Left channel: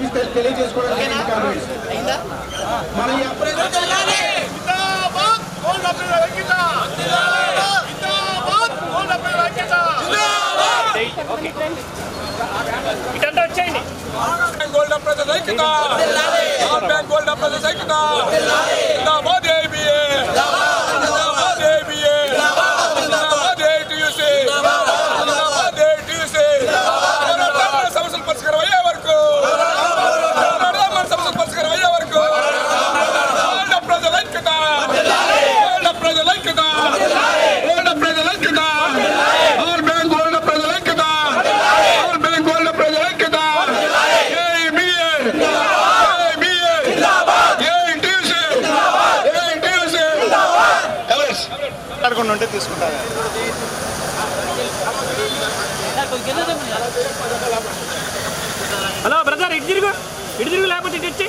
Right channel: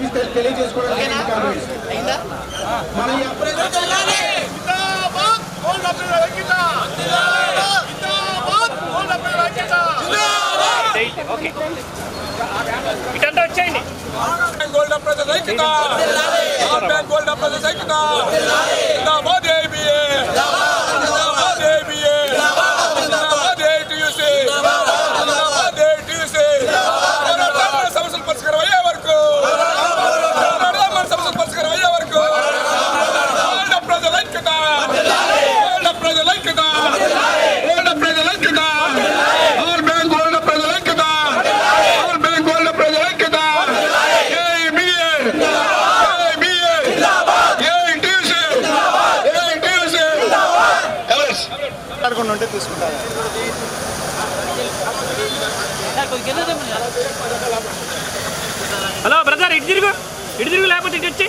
Office తెలియజేసుకోవడానికి ఇటంతా వచ్చేయండి. Gold ప్రజల ఐక్యత, గోల్డ్ ప్రజల ఐక్యత, జిందాబాద్ ఏబీఏ, జిందాబాద్ ఏబీఏ, జిందాబాద్ ఏటీయూసీ, జిందాబాద్ ఏటీయూసీ. మన సమస్యలు పరిష్కారం అయ్యే వరకు, మన సమస్యలు పరిష్కారం అయ్యే వరకు గోల్డ్ ప్రజల ఐక్యత, గోల్డ్ ప్రజల ఐక్యత, గోల్డ్ ప్రజల ఐక్యత, ఆల్ బ్యాంక్ గోల్డ్ ప్రజల ఐక్యత, ఆల్ బ్యాంక్ గోల్డ్ ప్రజల ఐక్యత. ఉంటే తీసుకుంటారు. హలో బ్రదర్, ఇటు తిరుగు లేకపోతే ఇటు వచ్చి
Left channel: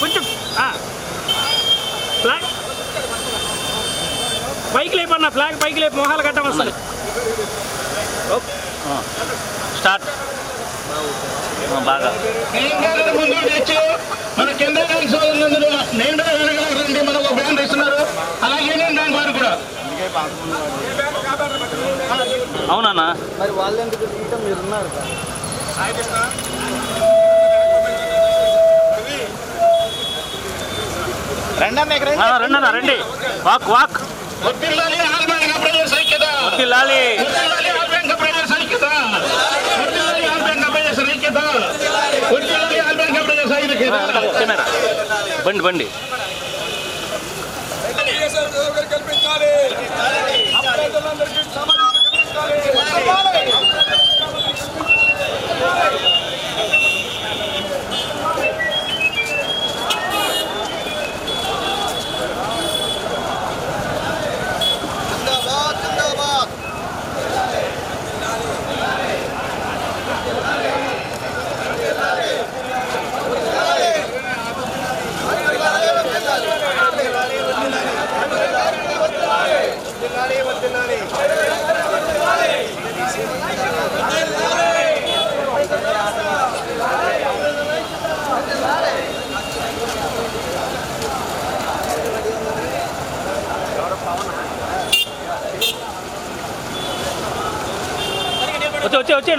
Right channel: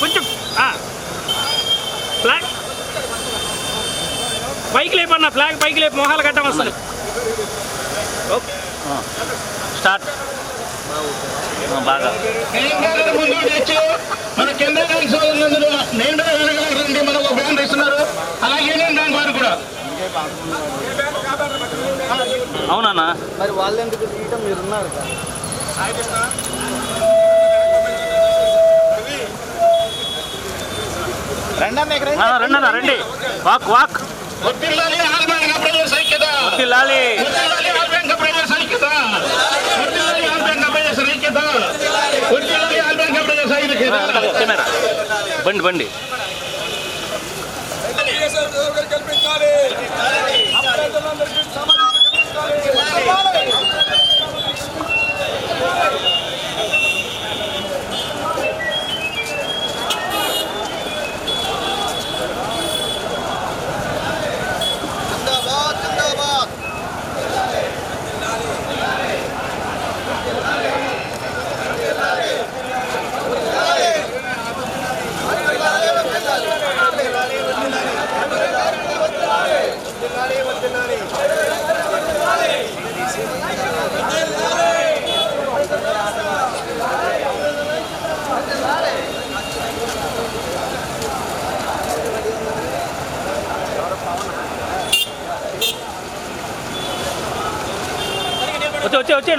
కొంచెం ఫ్లాగ్ పైకి లేపన్నా, ఫ్లాగ్ పైకి లేపు, మొహాలు గడ్డం వస్తుంది. స్టార్ట్ బాగా ముందు తెచ్చు మన కేంద్ర బ్యాంక్ సోదరులందరూ నేను రండి, మనకు బ్యాంక్ ఇస్తున్నారు. అలాగే యూనియన్ బ్యాంక్ వారు కూడా. అవునా మరి వాళ్ళు ఎందుకు తీయటం, మీరు ఉన్నారు రండి రండి, వాక్ వాక్. వర్ధిల్లాలి ఆల్ బ్యాంక్ ప్రజల ఐక్యత, వర్ధిల్లాలి ఆల్ బ్యాంక్ ప్రజల ఐక్యత, వర్ధిల్లాలి ఆల్ బ్యాంక్ ప్రజల ఐక్యత, వర్ధిల్లాలి ఆల్ బ్యాంక్ ప్రజల ఐక్యత. కెమెరా బండి బండి కల్పించాలి, ప్రజలందరికీ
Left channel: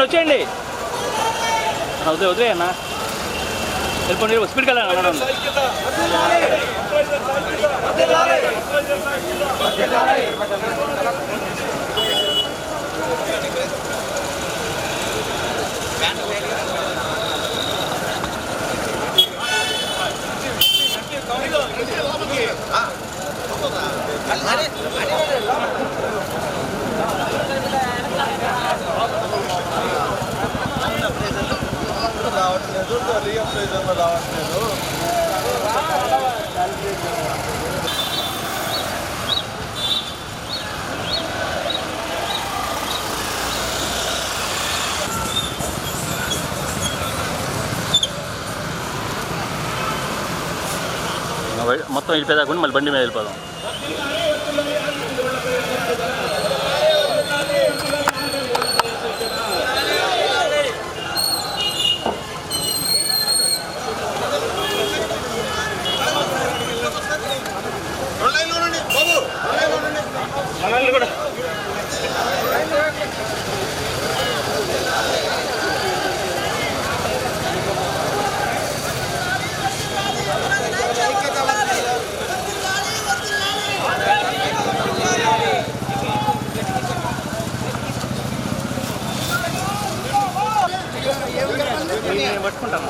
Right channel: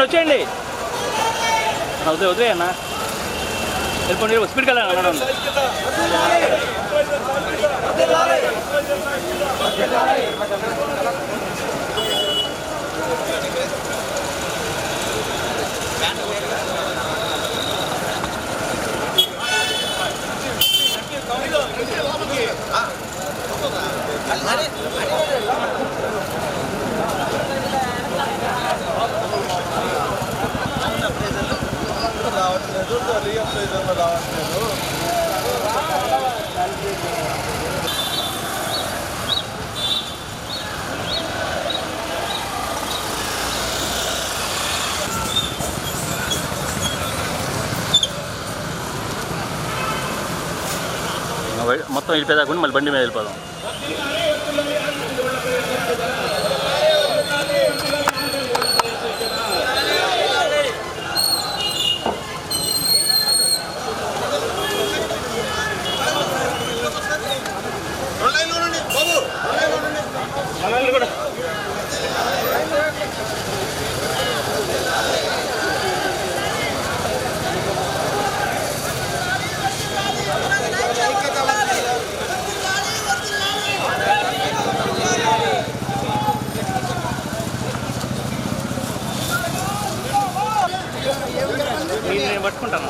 వచ్చేయండి. వదిలే అన్న, వెళ్ళిపోండి, స్పీడ్కి వెళ్ళాను అన్నాడు. మొత్తం వెళ్ళిపోయేదాకుండా మళ్ళీ బండి మీద వెళ్ళిపోదాం. కూడా నేను పట్టుకుంటాను.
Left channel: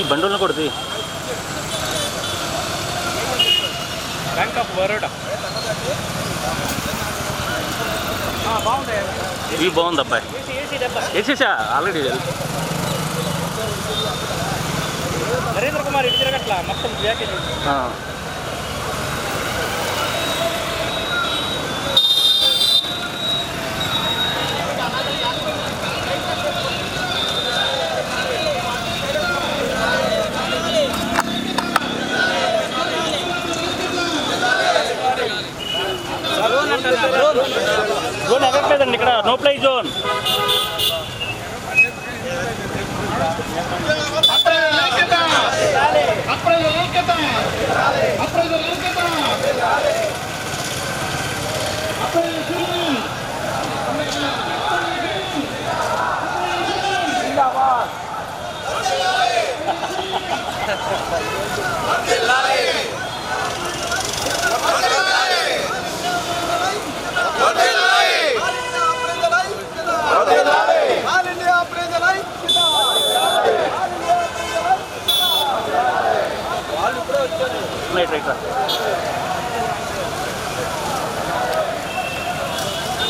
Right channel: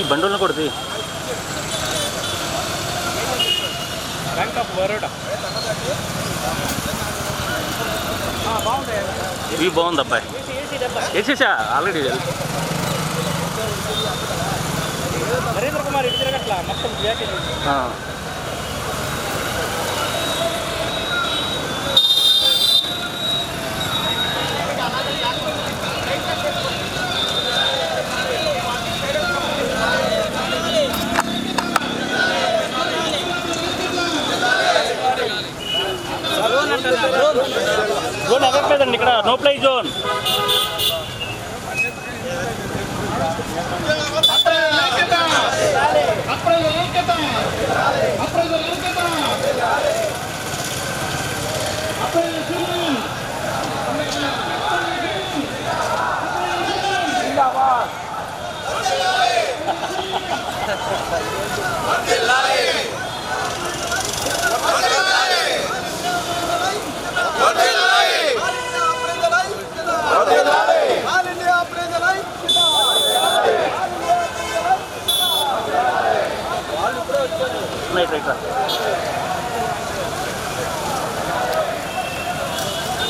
ఈ బండులను కొడుతుంది. బ్యాంక్ ఆఫ్ బరోడా ఇవి బాగుంది అబ్బాయి. వేసేసా ఆల్రెడీ. నరేంద్ర కుమార్ ఇటు తిరగట్లా మొత్తం ప్యాకేజ్. జోన్ ఎదగలేదండి ఇక్కడ, నో ప్లై జోన్.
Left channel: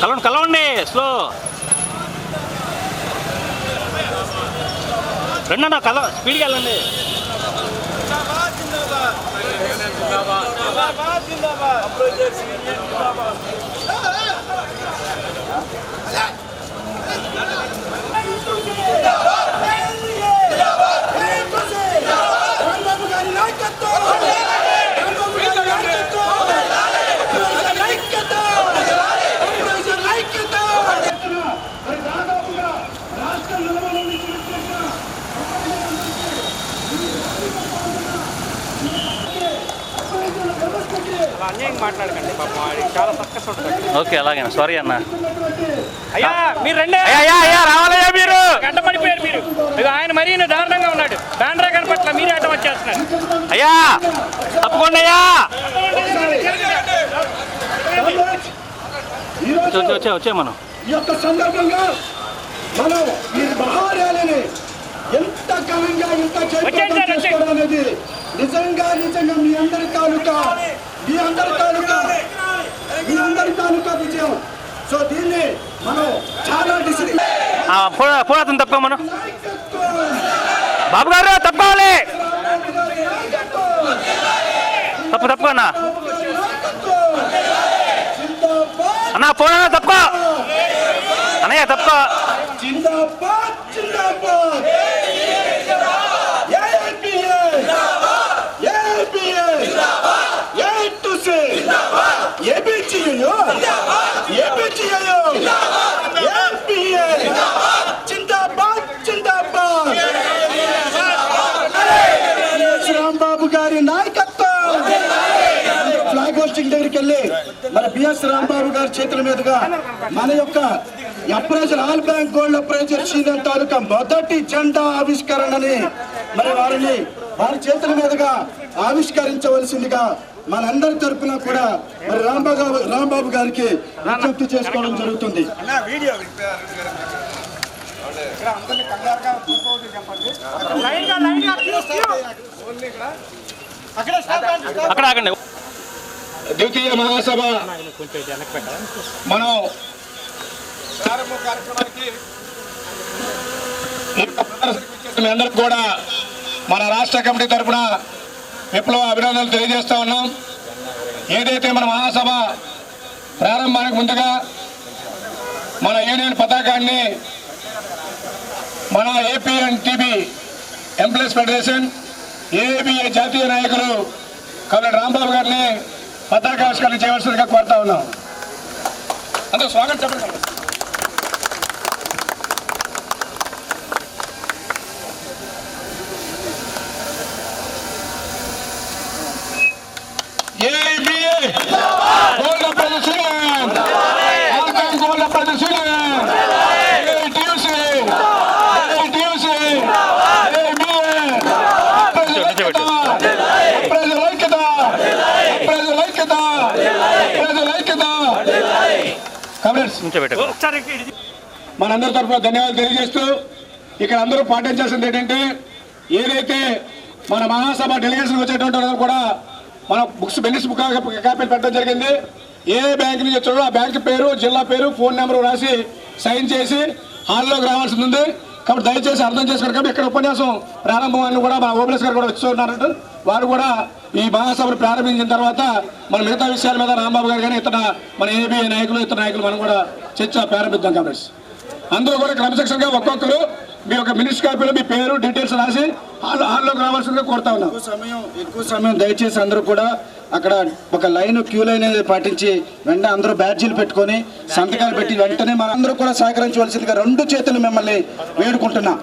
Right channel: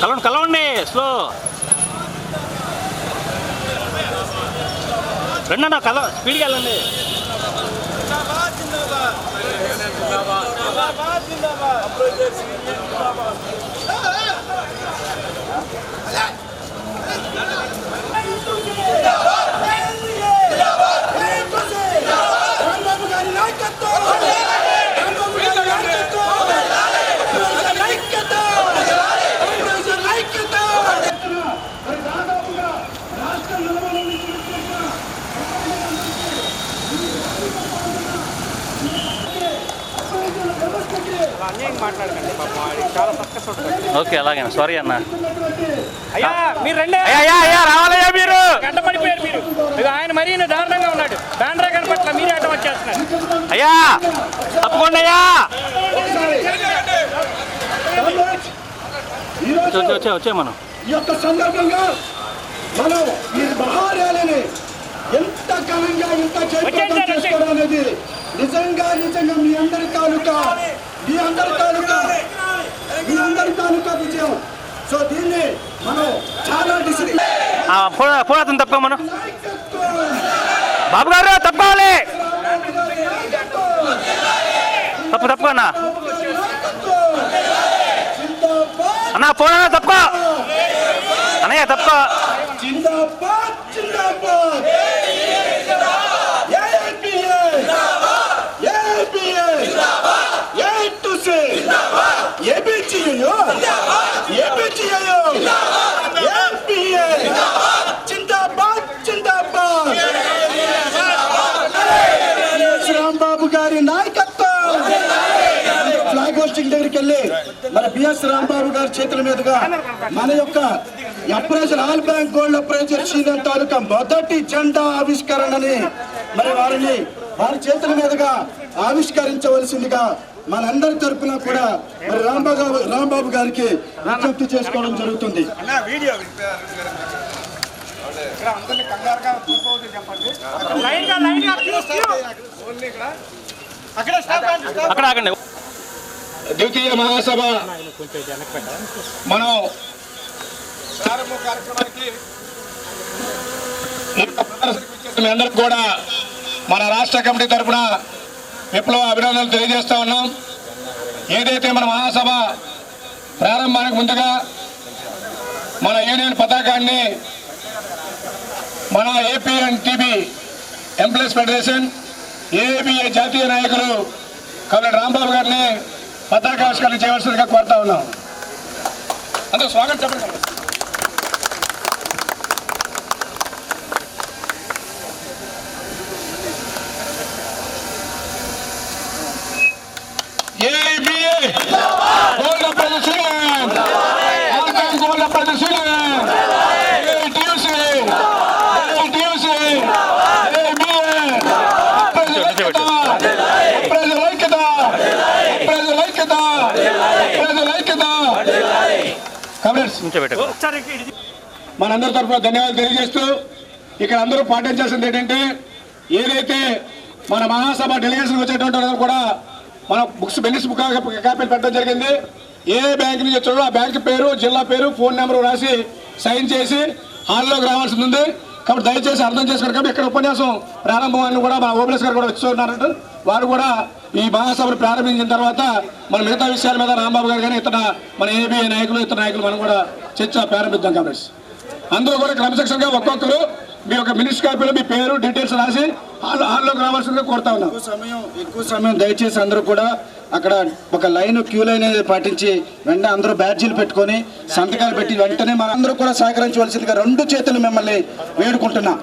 కలవండి కలవండి, స్లో రండి అన్న, కల స్పీడ్గా వెళ్ళండి. మాట్లాడకండి పాపం, చాలా సక్సెస్ ఉంటుంది. ఓకే అలాగే, సారీ అన్న. అయ్యా మీరు రండి, అయ్యా రావాలయ్యా మీరు. గంట పడిపోయారు మీరు. ఇక ఆయన మరీ దారుణంగా ఉన్నాడు, బ్యానరే కనపట్ల మీరే అడ్డం వచ్చేస్తున్నారు. అయ్యా తప్పకుండా అయ్యా. వచ్చే మనం ఈ యొక్క సందర్భంగా మనం ఈ మహార్యాలని ఎంత ఘనంగా ఇంత చేసుకోవడం అనేది నిజంగా మీ అందరి తాలూకా విజయం. సో దీన్ని మనం చాలా డిసిప్లిన్ పోరాతం తప్ప మనం బాబు గారు తప్పుకోవాలి. తప్పు అన్న అన్న, పోనా తప్పుకో అన్నయ్య, తప్పుకో. జిందాబాద్ జిందాబాద్ రాంబాబు గారి నాయకత్వం. ఫ్లాగ్ హోస్టింగ్ దగ్గరికి వెళ్ళి మన బిఎస్ రాంబాబు గారి చేతుల మీదుగా మన యొక్క appraiser all bank gold appraiser Sri Lanka తాలూకా మొదటి జెండా ఆవిష్కరణని మరి వారి చేతుల మీదుగా ఆవిష్కరించవలసిందిగా మనందరి తరఫున కూడా మరి రాంబాబు గారికి విజ్ఞప్తి చేసుకోవడం జరుగుతుంది. అక్కడ ఆగండి. ద్వితీయ మహాసభ మనం ప్రారంభ కార్యక్రమానికి మీ అందరికి కూడా మన రాష్ట్ర కమిటీ తరఫున విప్లవ అభినందనలు తెలియజేస్తా ఉన్నాం. ఏదైతే మన మహాసభ ప్రారంభానికి ముందుగా మన యూనియన్ పతాకాన్ని మన ఏపీఎన్టీబీ ఎంప్లాయీస్ ఫెడరేషన్ ఏఏబీఏ జాతీయ నాయకులు కమరెడ్డి రాంబాబు గారిని పతాకావిష్కరణ చేయవలసిందిగా కోరుతా ఉన్నాం. అందరూ స్వాగతం చెప్పండి. మనందరి తరఫున ధన్యవాదాలు తెలియజేస్తూ ఇక్కడ అందరూ పాటించాల్సింది ఏంటంటే ఏదైతే మన మహాసభ డెలిగేషన్ వచ్చేటువంటి వాళ్ళందరూ కూడా మన బెనిస్ బుక్ కాపీలు పెట్టడం జరిగింది. ఏ బ్యాంక్ నుంచి వచ్చాడో ఆ బ్యాంక్ పేరు, జిల్లా పేరు, ఫోన్ నెంబర్ రాసి సైన్ చేసి హాల్లోకి రావాల్సి ఉంది. కాబట్టి దయచేసి అర్థం చేసుకోండి. కాబట్టి ఇక్కడ ఉపన్యాసం ప్రారంభం కూడా మన ఓబిఎస్ గారు కూడా వచ్చున్నారంట. వారు కూడా ఈ మహాసభను ప్రారంభించిన తర్వాత మన మిగతా విషయాల మీద రాంబాబు గారు కానీ ఇతర మన ఏబీఐ నాయకులు ఇతర నాయకులు మనం కూడా చర్చ ప్రారంభిద్దాం. కాబట్టి అందరూ కూడా క్రమశిక్షణగా ఒక్కొక్కరు మీ యొక్క మినిస్టర్ కాపీలో మీ పేరు డీటెయిల్స్ రాసి హాల్లోకి రావాల్సిందిగా కోరుతా ఉన్నాం. ఎక్కువ సమయం దయచేసి అందరూ కూడా అక్కడ ఒక క్యూ లైన్ అనేది పాటించి వెంటనే అందరూ బ్యాడ్జీలు పెట్టుకొని సంతకాలు పెట్టి వెంటనే మనందరూ కూడా సహకరించవలసిందిగా 2 చేతులు మిమ్మల్ని వేడుకుంటున్నా.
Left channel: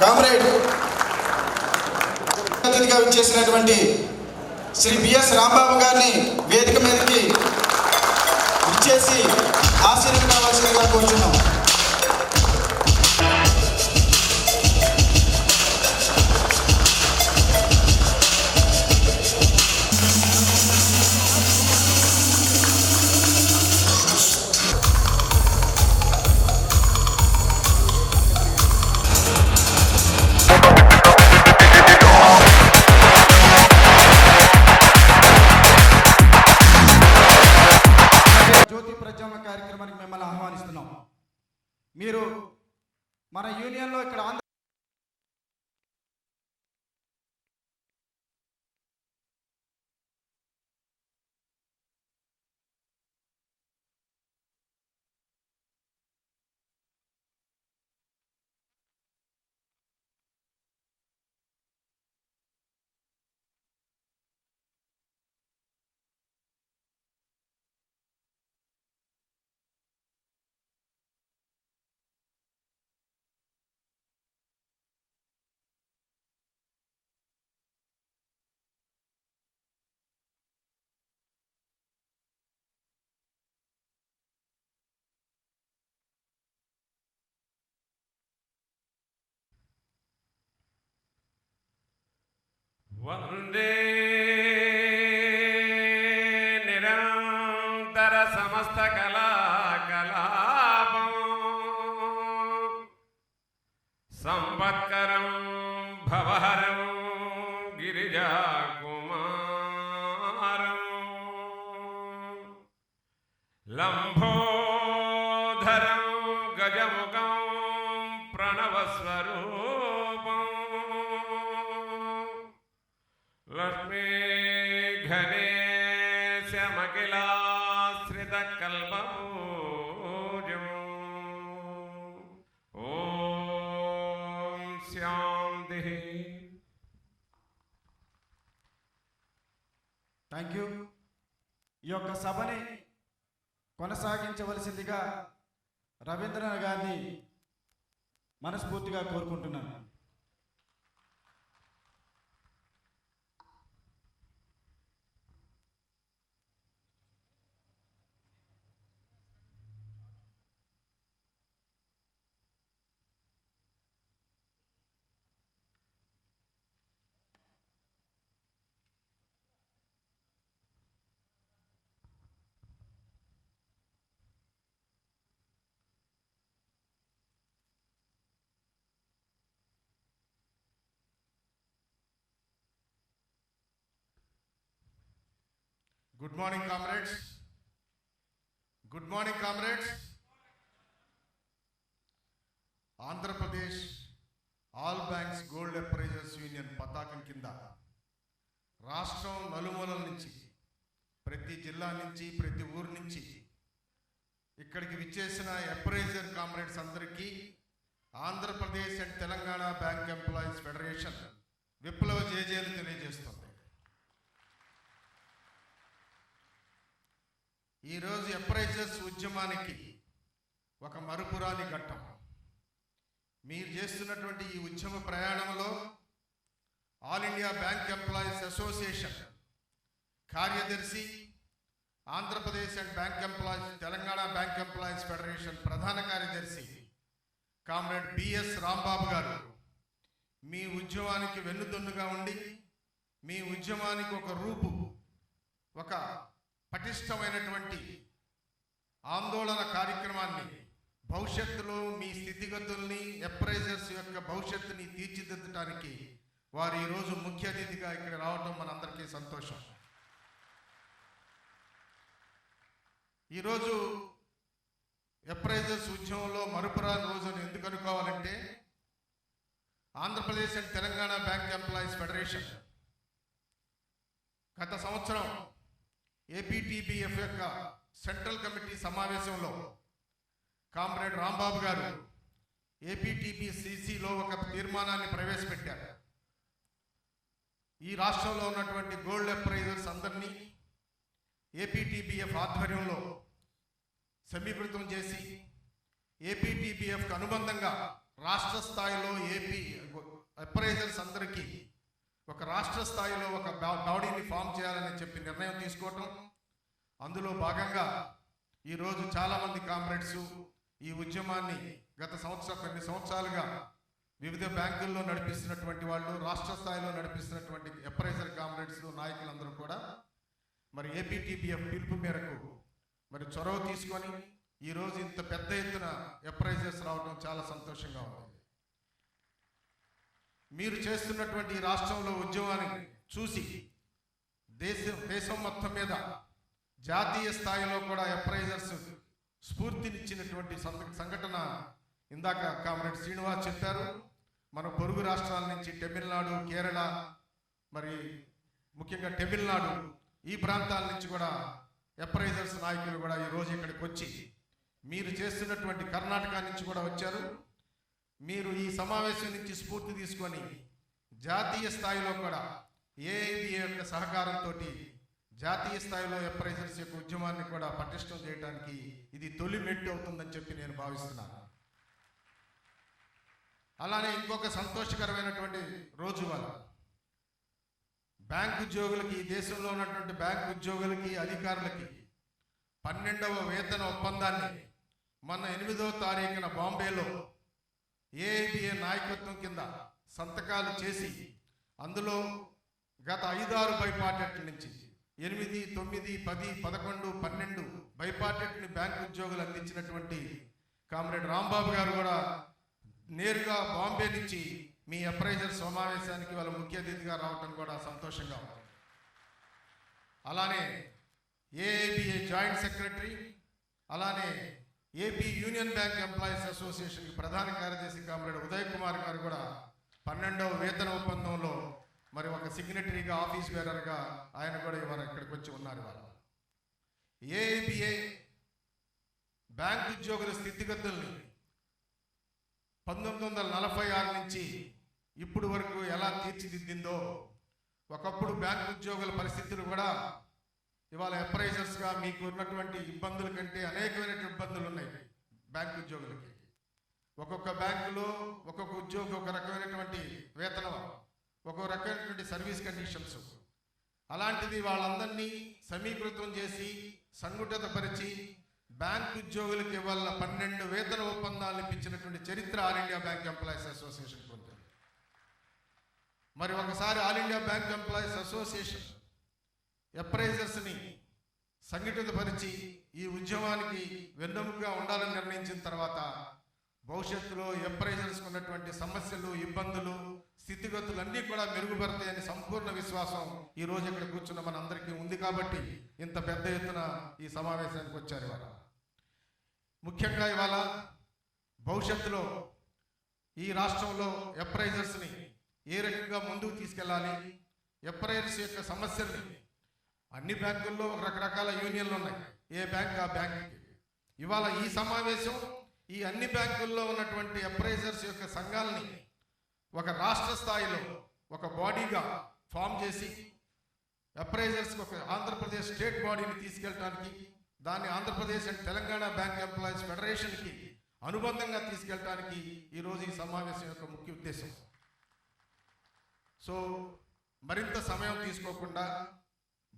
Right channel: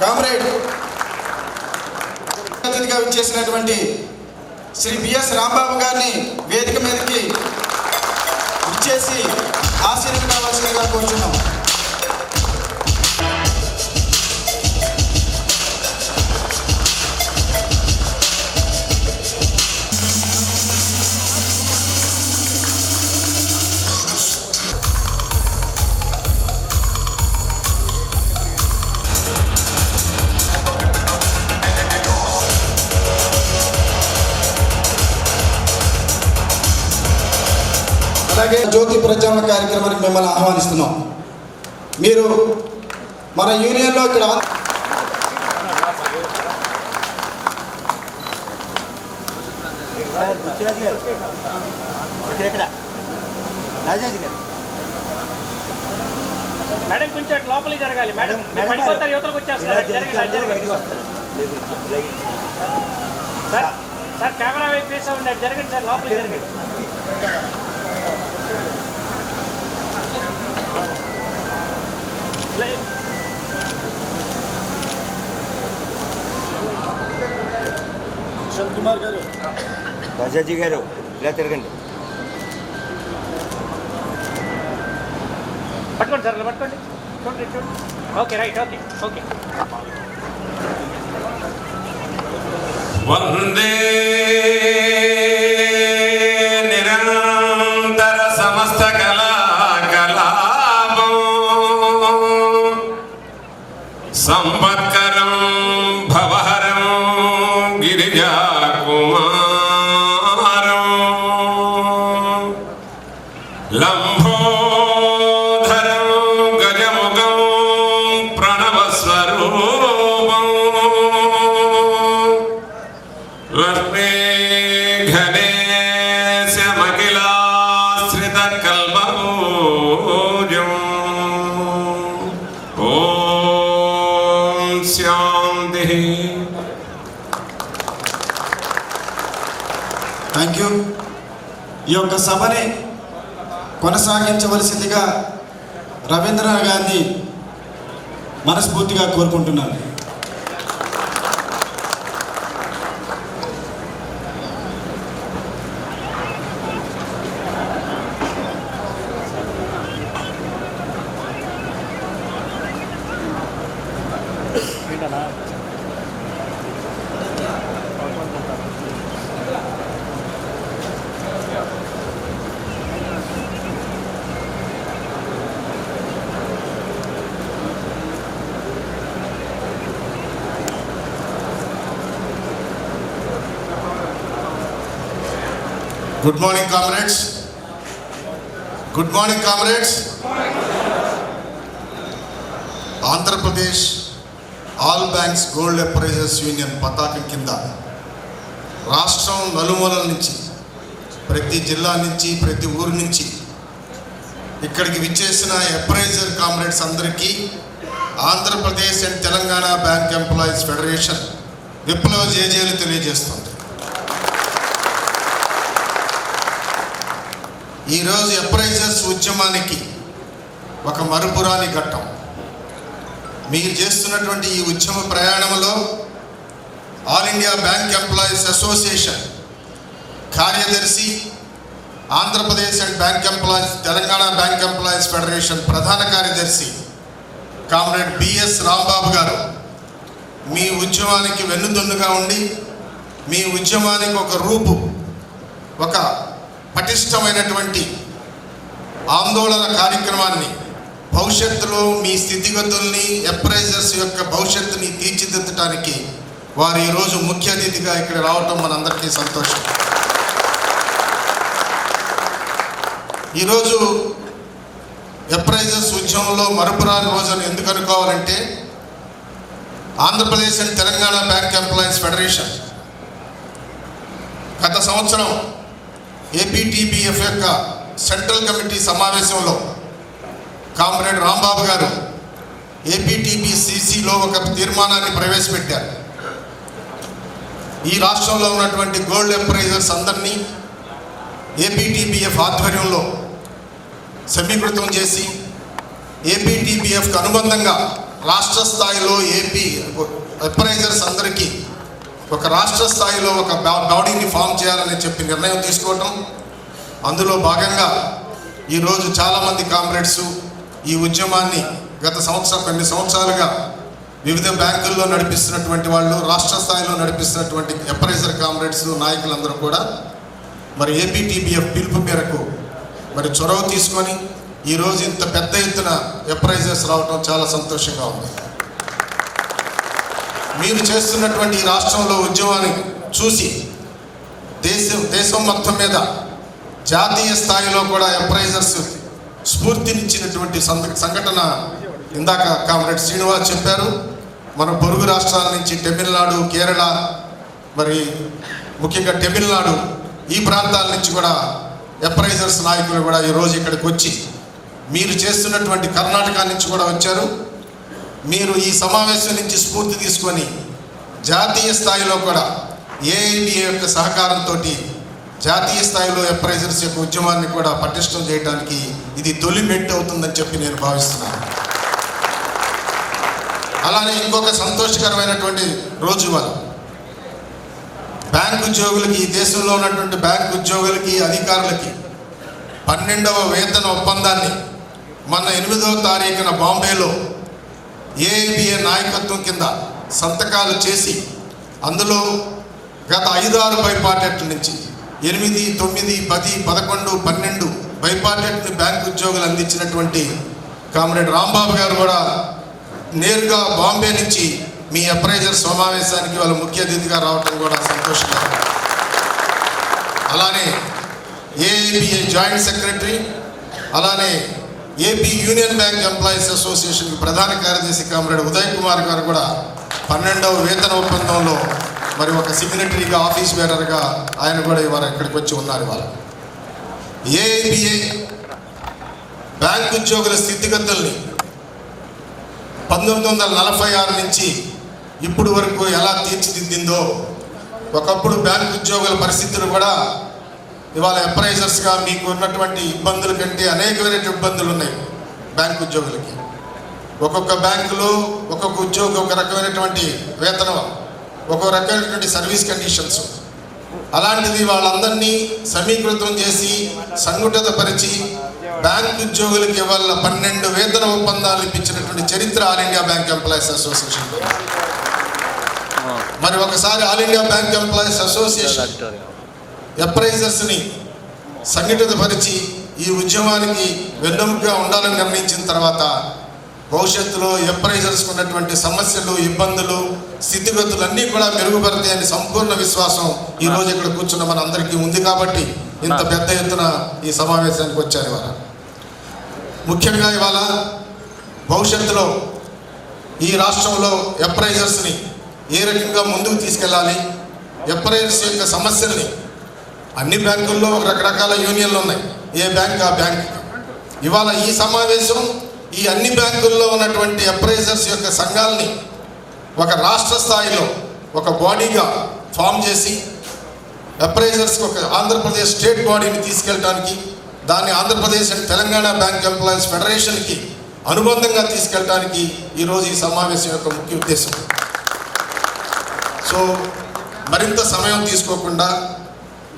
కామ్రేడ్ అతిథిగా విచ్చేసినటువంటి శ్రీ బిఎస్ రాంబాబు గారిని వేదిక మీదకి విచ్చేసి ఆశీర్వదించవలసిందిగా కోరుచున్నాం. జ్యోతి ప్రజ్వలన కార్యక్రమానికి మిమ్మల్ని ఆహ్వానిస్తున్నాం. మీరు మన యూనియన్లో ఇక్కడ మేడం కొంచెం లోపలికి జరగాలి. మేడం పడిపోతారు, యువతలకు వచ్చేస్తారు. జరగండి సార్. సార్ కెమెరా వైపు ఫేస్ అవ్వండి. జరగండి సార్, లోపలికి జరగండి. కుమార్ గారు, రాజాజీ గారు ఇలా తిరగండి. పట్టుకోండి సార్, పట్టుకోండి. చూడండి చూడండి. Okay right. Okay okay. వందే నిరంతర సమస్త కళాకలాపం సంవత్కరం భవహరం గిరిజాకుమారం లంబోధరం గజముఖం ప్రణవస్వరూపం లక్ష్మీ గణేశమఖిలాశ్రిత కల్పపూజం. ఓం శాంతి. Thank you. ఈ యొక్క సభని కొనసాగించవలసిందిగా రవీంద్రనాథ్ గారిని మనస్ఫూర్తిగా కోరుకుంటున్నాను. Good morning, comrades. Good morning, comrades. Andhra Pradesh all banks gold appraisers union పతాకం కింద రాష్ట్రం నలుమూలల నుంచి, ప్రతి జిల్లా నుంచి, ప్రతి ఊరు నుంచి ఇక్కడికి విచ్చేసిన అప్రైజర్ కామ్రేడ్స్ అందరికీ Andhra Pradesh and Telangana bank employees federation విప్లవ జేజేలు తెలియజేస్తుంది. ఈరోజు అప్రైజర్స్ ఉద్యమానికి ఒక మరుపురాని ఘట్టం. మీరు చేస్తున్నటువంటి ఈ ఉద్యమ ప్రయాణంలో all India bank employees association కార్యదర్శి, Andhra Pradesh and bank employees Telangana bank employees federation ప్రధాన కార్యదర్శి కామ్రేడ్ బిఎస్ రాంబాబు గారు మీ ఉద్యమానికి వెన్నుదన్నుగా ఉండి, మీ ఉద్యమానికి ఒక రూపు, ఒక పటిష్టమైనటువంటి ఆందోళన కార్యక్రమాన్ని, భవిష్యత్తులో మీ స్థితిగతుల్ని, అప్రైజర్స్ యొక్క భవిష్యత్తుని తీర్చిదిద్దడానికి వారు ఈరోజు ముఖ్య అతిథిగా ఇక్కడ రావటం మనందరికీ సంతోషం. ఈరోజు ఎంప్రైజర్స్ ఉద్యమంలో మరపురాని రోజును ఎందుకు అనుకోవాలంటే Andhra Pradesh and Telangana bank employees federation గత సంవత్సరం ఏపీటీబీఎఫ్ యొక్క సెంట్రల్ కమిటీ సమావేశంలో కామ్రేడ్ రాంబాబు గారు ఏపీటీబీసీసీలో ఒక తీర్మానాన్ని ప్రవేశపెట్టారు. ఈ రాష్ట్రంలో ఉన్నటువంటి గోల్డ్ ఎంప్రైజర్స్ అందరినీ ఏపీటీబీఎఫ్ ఆధ్వర్యంలో సమీకృతం చేసి ఏపీటీబీఎఫ్కి అనుబంధంగా రాష్ట్ర స్థాయిలో ఏపీ ఎంప్రైజర్స్ అందరికీ ఒక రాష్ట్ర స్థాయిలో ఒక బాడీని ఫామ్ చేయాలని చెప్పి నిర్ణయం తీసుకోవటం. అందులో భాగంగా ఈరోజు చాలామంది కామ్రేడ్స్ ఈ ఉద్యమాన్ని గత కొన్ని సంవత్సరాలుగా వివిధ బ్యాంకుల్లో నడిపిస్తున్నటువంటి వాళ్ళు, రాష్ట్ర స్థాయిలో నడిపిస్తున్నటువంటి ఎంప్రైజర్ కామ్రేడ్స్ నాయకులందరూ కూడా మరి ఏపీటీబీఎఫ్ పిలుపు మేరకు మరి చొరవ తీసుకొని ఈరోజు ఇంత పెద్ద ఎత్తున ఎంప్రైజర్స్ రావడం చాలా సంతోషంగా ఉంది. మీరు చేస్తున్నటువంటి ఈ రాష్ట్రంలో ఉద్యమాన్ని చూసి దేశం మొత్తం మీద జాతీయ స్థాయిలో కూడా ఎంప్రైజర్స్ స్ఫూర్తినిచ్చినటువంటి సంఘటన ఇందాక కామ్రేడ్ శ్రీనివాస్ చెప్పారు. మన పొరుగు రాష్ట్రాల నుంచి తమిళనాడు, కేరళ, మరి ముఖ్యంగా తమిళనాడు ఈ ప్రాంతాల నుంచి కూడా ఎంప్రైజర్స్ నాయకులు కూడా ఈరోజు ఇక్కడికి వచ్చి మీరు చేస్తున్నటువంటి కర్ణాటక నుంచి కూడా వచ్చారు. మీరు ఈ సమావేశం నుంచి స్ఫూర్తి తీసుకొని జాతీయ స్థాయిలో కూడా ఏఐబిఏ యొక్క సహకారంతో జాతీయ స్థాయిలో ఎంప్రైజర్స్ యొక్క ఉద్యమాన్ని కూడా పటిష్టం చేయడానికి ఇది తొలి మెట్టు అవుతుందని చెప్పి నేను భావిస్తున్నాను. అలానే ఇంకొక సంతోషకరమైనటువంటి రోజు వల్ల బ్యాంక్ ఉద్యోగులకి, ఈ దేశంలో ఉన్నటువంటి బ్యాంక్ ఉద్యోగులకి, అధికారులకి 12వ వేతన ఒప్పందాన్ని మొన్న 8వ తారీఖున బాంబేలో ఏఐబిఏ నాయకత్వం కింద సంతకాలు చేసి అందులో గత 5-6 బైపార్టెట్ల నుంచి 8, 9, 10, 11, 12 బైపార్టెట్ని బ్యాంక్ ఉద్యోగులు అందించినటువంటి కామ్రేడ్ రాంబాబు గారు కూడా నేరుగా బాంబే నుంచి మీ ఎంప్రైజర్ సమావేశానికి వాళ్ళ ముఖ్య అతిథిగా రావటం కూడా సంతోషంగా. అలానే ఏఐబిఏ జాయింట్ సెక్రటరీ, అలానే AP union bank employees association ప్రధాన కార్యదర్శి కామ్రేడ్ ఉదయ్ కుమార్ గారు కూడా 12వ వేతన ఒప్పందంలో మరి ఒక సిగ్నటరీగా, ఆఫీస్ బేరర్గా ఆయన కూడా ఇవాళ ఇక్కడికి వచ్చి ఉన్నారు. ఇవాళ ఏఐబిఏ బ్యాంక్ ఉద్యోగుల స్థితిగతుల్ని 1946 నుంచి ఇప్పుడు వరకు ఎలా తీర్చిదిద్దిందో, ఒకప్పుడు బ్యాంక్ ఉద్యోగుల పరిస్థితులు కూడా ఇవాళ ఎంప్రైజర్స్గా మీకు ఉన్నటువంటి ఇబ్బందుల కంటే అనేకమైన ఇబ్బందులు ఉన్నాయి బ్యాంక్ ఉద్యోగులకి. ఒక్కొక్క బ్యాంకులో ఒక్కొక్క ఉద్యోగి ఒక రకమైనటువంటి వేతనం, ఒక్కొక్క రకమైనటువంటి సర్వీస్ కండిషన్స్. అలాంటిది వాళ్ళందరినీ సమీకృతం చేసి సంఘటితపరిచి బ్యాంక్ ఉద్యోగులకి ఇవాళ 12 వేతన ఒప్పందాలు ఇప్పించినటువంటి చరిత్ర all India bank employees association. మరి ఒకసారి all India bank employees association ఎంప్రైజర్స్ని సంఘటితపరిచి ఈ ఉద్యమానికి వెన్నెముకగా ఉండాలని నిర్ణయించిన తర్వాత భవిష్యత్తులో ఎంప్రైజర్స్కి ఉన్నటువంటి సమస్యలు, ఇబ్బందులు, స్థితిగతులు అన్నీ కూడా మెరుగుపడతాయని సంపూర్ణ విశ్వాసం ఈరోజు ఇక్కడ కూర్చున్న మన అందరికీ ఉంది. కాబట్టి ఇంత పెద్ద ఎత్తున ఈ సమావేశానికి వచ్చారు. ఇవాళ ముఖ్యంగా ఇవాళ భవిష్యత్తులో ఈ రాష్ట్రంలో ఎంప్రైజర్స్ని ఏ రకంగా ముందుకు తీసుకెళ్ళాలి, ఎంప్రైజర్స్ యొక్క సమస్యల్ని, అన్ని బ్యాంకుల్లో రకరకాల యూనియన్లు ఉన్నాయి, ఏ బ్యాంక్ ఆ బ్యాంక్. ఇవాళ ఈ సమావేశం ఈ అన్ని బ్యాంకుల్లో ఉన్నటువంటి ఎంప్రైజర్స్ యొక్క సంఘాలని ఒక రాష్ట్ర స్థాయిలో ఒక బాడీగా ఫామ్ చేసి ఎంప్రైజర్స్కి ఒక ఆంధ్రప్రదేశ్ స్టేట్ బాడీని తీసుకెళ్ళడానికి, దాన్ని Andhra Pradesh and Telangana bank employees ఫెడరేషన్కి అనుబంధంగా తీసుకెళ్ళడానికి ఈరోజు ఈ సమావేశం యొక్క ముఖ్య ఉద్దేశం. సో మరింత సమయం తీసుకోకుండా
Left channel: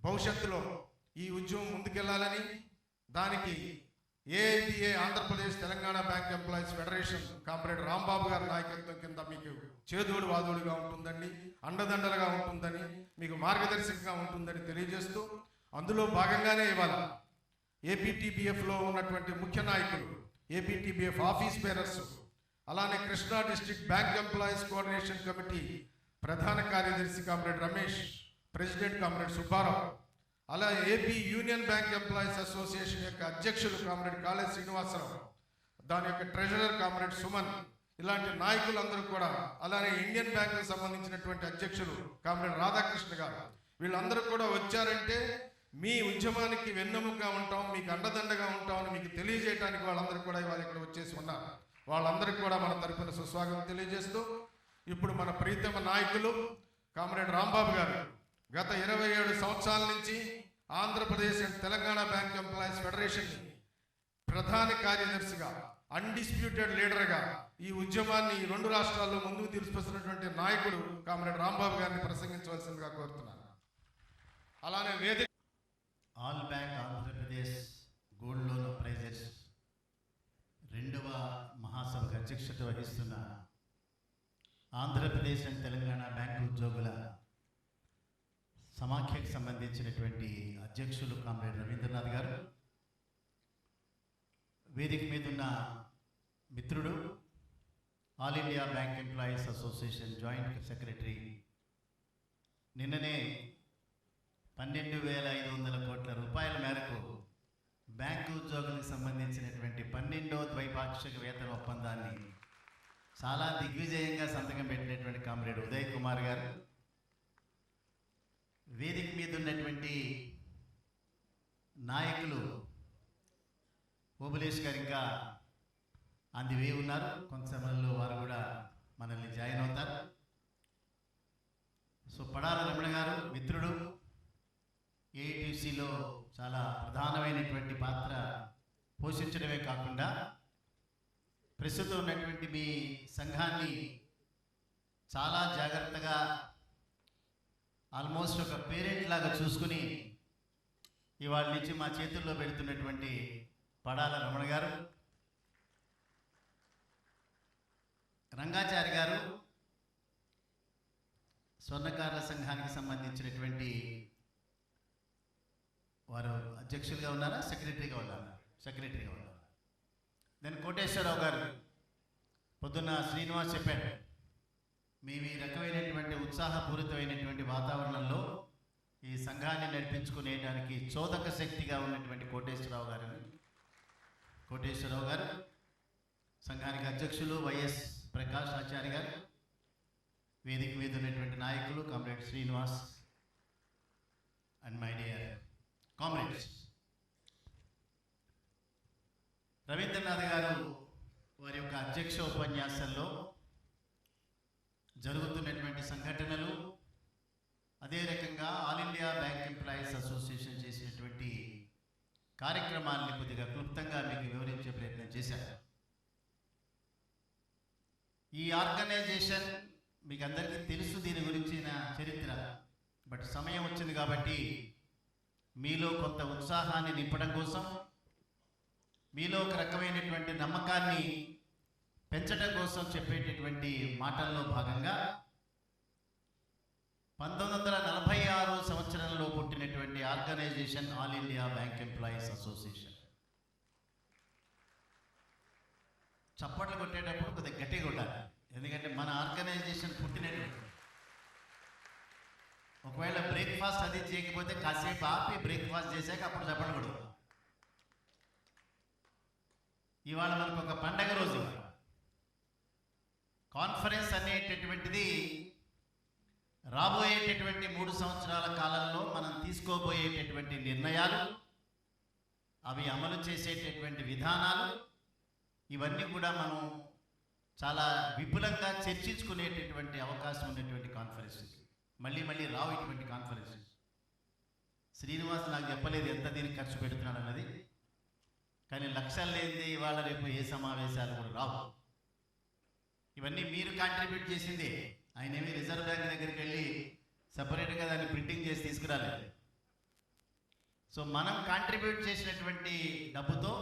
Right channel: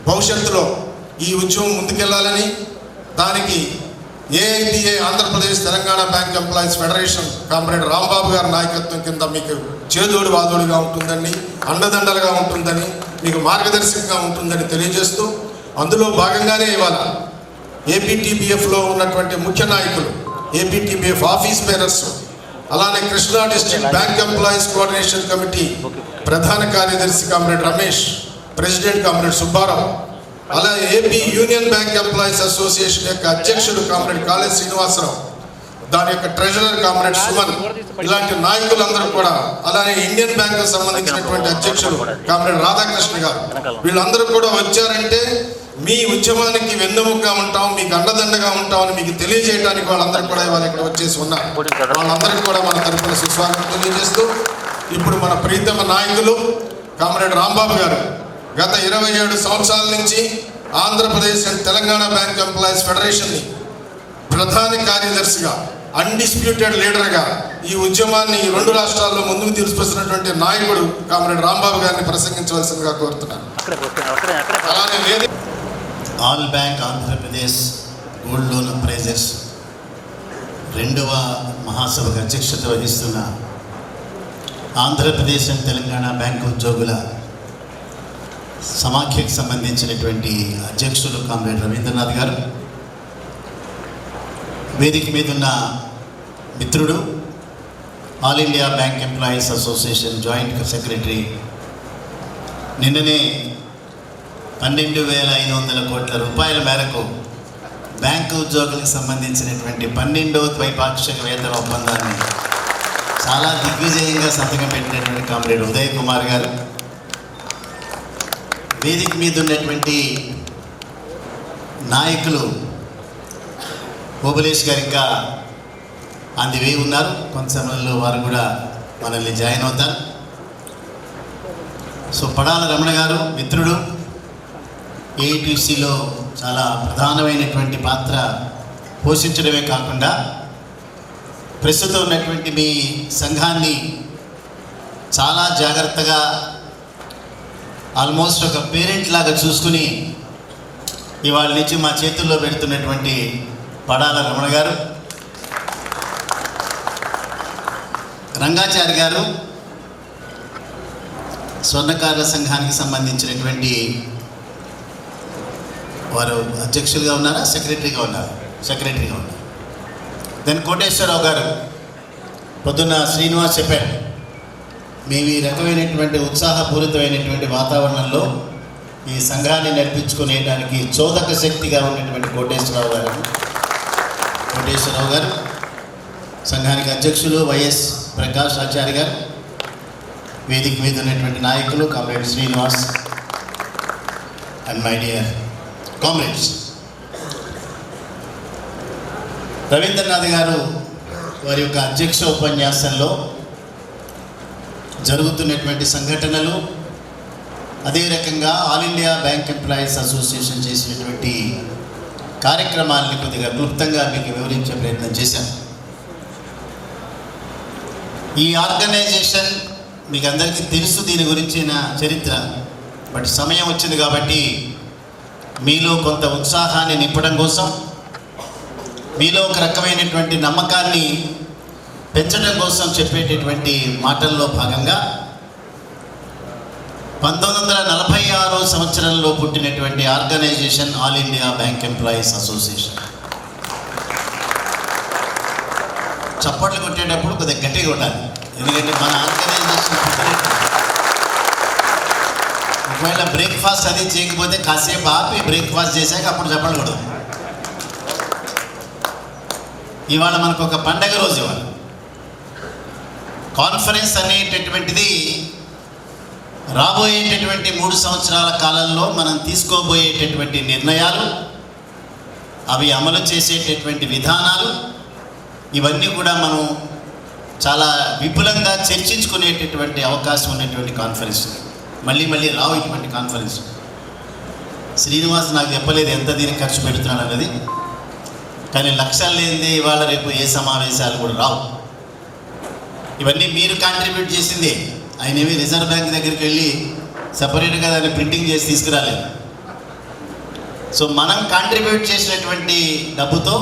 భవిష్యత్తులో ఈ ఉద్యమం ముందుకెళ్లాలని, దానికి AIBA Andhra Pradesh Telangana bank employees federation comrade Rambabu గారి నాయకత్వం కింద మీకు చేదోడు వాదోడుగా ఉంటుందని, అండదండలుగా ఉంటుందని, మీకు మార్గదర్శకంగా ఉంటుందని తెలియజేస్తూ, అందులో భాగంగానే ఇవాళ ఏపీటీబీఎఫ్లో ఉన్నటువంటి ముఖ్య నాయకులు, ఏపీటీబీఎఫ్ ఆఫీస్ బేరర్స్, అలానే Krishna district bank employees coordination committee ప్రధాన కార్యదర్శి comrade Ramesh, president comrade Subbarao, అలా AP union bank employees association యొక్క అధ్యక్షుడు కామ్రేడ్ కాళే శ్రీనివాసరావు, దాని యొక్క ట్రెజరర్ కామ్రేడ్ సుమన్, ఇలాంటి నాయకులందరూ కూడా, అలానే ఇండియన్ బ్యాంక్ కు సంబంధించినటువంటి అధ్యక్షుడు కామ్రేడ్ రాధాకృష్ణ గారు, వీళ్ళందరూ కూడా వచ్చారంటే మీ ఉద్యమానికి వెన్నెముకగా ఉంటాం, మీకు అండదండగా ఉంటామని మీకు తెలియజేయడానికి వాళ్ళందరూ కూడా ఇవాళ ఇక్కడ వచ్చేసి ఉన్నారు. వాళ్ళందరికీ కూడా మన తరఫున సుస్వాగతం తెలియజేస్తూ, ఇప్పుడు మన ప్రీతమ నాయకులు కామ్రేడ్ రాంబాబు గారు గత 27 సంవత్సరాల నుంచి Andhra Pradesh and Telangana bank employees ఫెడరేషన్ని ప్రధాన కార్యదర్శిగా, అన్డిస్ప్యూటెడ్ లీడర్గా ఈ ఉద్యమాన్ని ఈ 2 రాష్ట్రాల్లో ముందుకు తీసుకొస్తున్నటువంటి నాయకుడు కామ్రేడ్ రాంబాబు గారిని ప్రసంగించవలసిందిగా కోరుతున్నాను. అలానే all bank Andhra Pradesh gold loan appraisers 2వ మహాసభకు అధ్యక్షత వహిస్తున్న ఆంధ్రప్రదేశ్ అండ్ తెలంగాణ బ్యాంక్ ఉద్యోగుల సమాఖ్యకు సంబంధించినటువంటి అధ్యక్షులు కామ్రేడ్ రవీంద్రనాథ్ గారు, వేదిక మీద ఉన్న మిత్రుడు all India bank employees association joint secretary, నిన్ననే 12,500 కోట్ల రూపాయల మేరకు బ్యాంకు ఉద్యోగులకు సంబంధించినటువంటి 12వ ద్వైపాక్షిక వేతన ఒప్పందాన్ని చాలా దిగ్విజయంగా సంతకం పెట్టినటువంటి కామ్రేడ్ ఉదయ్ కుమార్ గారు, వేదిక మీద ఉన్నటువంటి నాయకులు ఓబులేష్ గారు ఇంకా అందివే ఉన్నారు. కొంత సమయంలో వారు కూడా మనల్ని జాయిన్ అవుతారు. సో పడాల రమణ గారు మిత్రుడు, ఏఐటీసీలో చాలా ప్రధానమైనటువంటి పాత్ర పోషించడమే కాకుండా ప్రస్తుతం ఉన్నటువంటి మీ సంఘాన్ని చాలా జాగ్రత్తగా ఆల్మోస్ట్ ఒక పేరెంట్ లాగా చూసుకుని ఇవాళ నుంచి మా చేతుల్లో పెడుతున్నటువంటి పడాల రమణ గారు, రంగాచారి గారు స్వర్ణకారుల సంఘానికి సంబంధించినటువంటి వారు అధ్యక్షులుగా ఉన్నారా, సెక్రటరీగా ఉన్నారు? సెక్రటరీగా ఉన్నారు. దెన్ కోటేశ్వరరావు గారు, పొద్దున్న శ్రీనివాస్ చెప్పారు, మేము ఈ రకమైనటువంటి ఉత్సాహపూరితమైనటువంటి వాతావరణంలో ఈ సంఘాన్ని నడిపించుకునేదానికి చోదక శక్తిగా ఉన్నటువంటి కోటేశ్వరరావు గారు, సంఘానికి అధ్యక్షులు వైఎస్ ప్రకాష్ ఆచార్య గారు, వేదిక మీద ఉన్నటువంటి నాయకులు comrade Srinivas and my dear comrades. Ravindranath garu వారి యొక్క అధ్యక్ష ఉపన్యాసంలో జరుగుతున్నటువంటి సంఘటనలు, అదే రకంగా all India bank employees association చేసినటువంటి కార్యక్రమాలని కొద్దిగా క్లుప్తంగా మీకు వివరించే ప్రయత్నం చేశాను. ఈ ఆర్గనైజేషన్ మీకు అందరికీ తెలుసు, దీని గురించిన చరిత్ర. బట్ సమయం వచ్చింది కాబట్టి మీలో కొంత ఉత్సాహాన్ని నింపడం కోసం, మీలో ఒక రకమైనటువంటి నమ్మకాన్ని పెంచడం కోసం చెప్పేటటువంటి మాటల్లో భాగంగా 1946 సంవత్సరంలో పుట్టినటువంటి organisation all India bank employees association. చప్పట్లు కొట్టేటప్పుడు కొద్దిగా గట్టిగా కొట్టాలి, ఎందుకంటే మన ఆర్గనైజేషన్ ఒకవేళ బ్రేక్ఫాస్ట్ అది చేయకపోతే కాసేపు ఆపి బ్రేక్ఫాస్ట్ చేశాక అప్పుడు చప్పట్లు కొడదాం. ఇవాళ మనకు ఒక పండగ రోజు. ఇవాళ కాన్ఫరెన్స్ అనేటటువంటిది రాబోయేటటువంటి 3 సంవత్సరాల కాలంలో మనం తీసుకోబోయేటటువంటి నిర్ణయాలు, అవి అమలు చేసేటటువంటి విధానాలు, ఇవన్నీ కూడా మనం చాలా విపులంగా చర్చించుకునేటటువంటి అవకాశం ఉన్నటువంటి కాన్ఫరెన్స్. మళ్ళీ రావు ఇటువంటి కాన్ఫరెన్స్. శ్రీనివాస్ నాకు చెప్పలేదు ఎంత దీనికి ఖర్చు పెడుతున్నాడు అన్నది, కానీ లక్ష్యాలు లేనిదే ఇవాళ రేపు ఏ సమావేశాలు కూడా రావు. ఇవన్నీ మీరు కాంట్రిబ్యూట్ చేసిందే. ఆయన ఏమి రిజర్వ్ బ్యాంక్ దగ్గరికి వెళ్ళి సపరేట్గా దాన్ని ప్రింటింగ్ చేసి తీసుకురాలేదు. సో మనం కాంట్రిబ్యూట్ చేసినటువంటి డబ్బుతో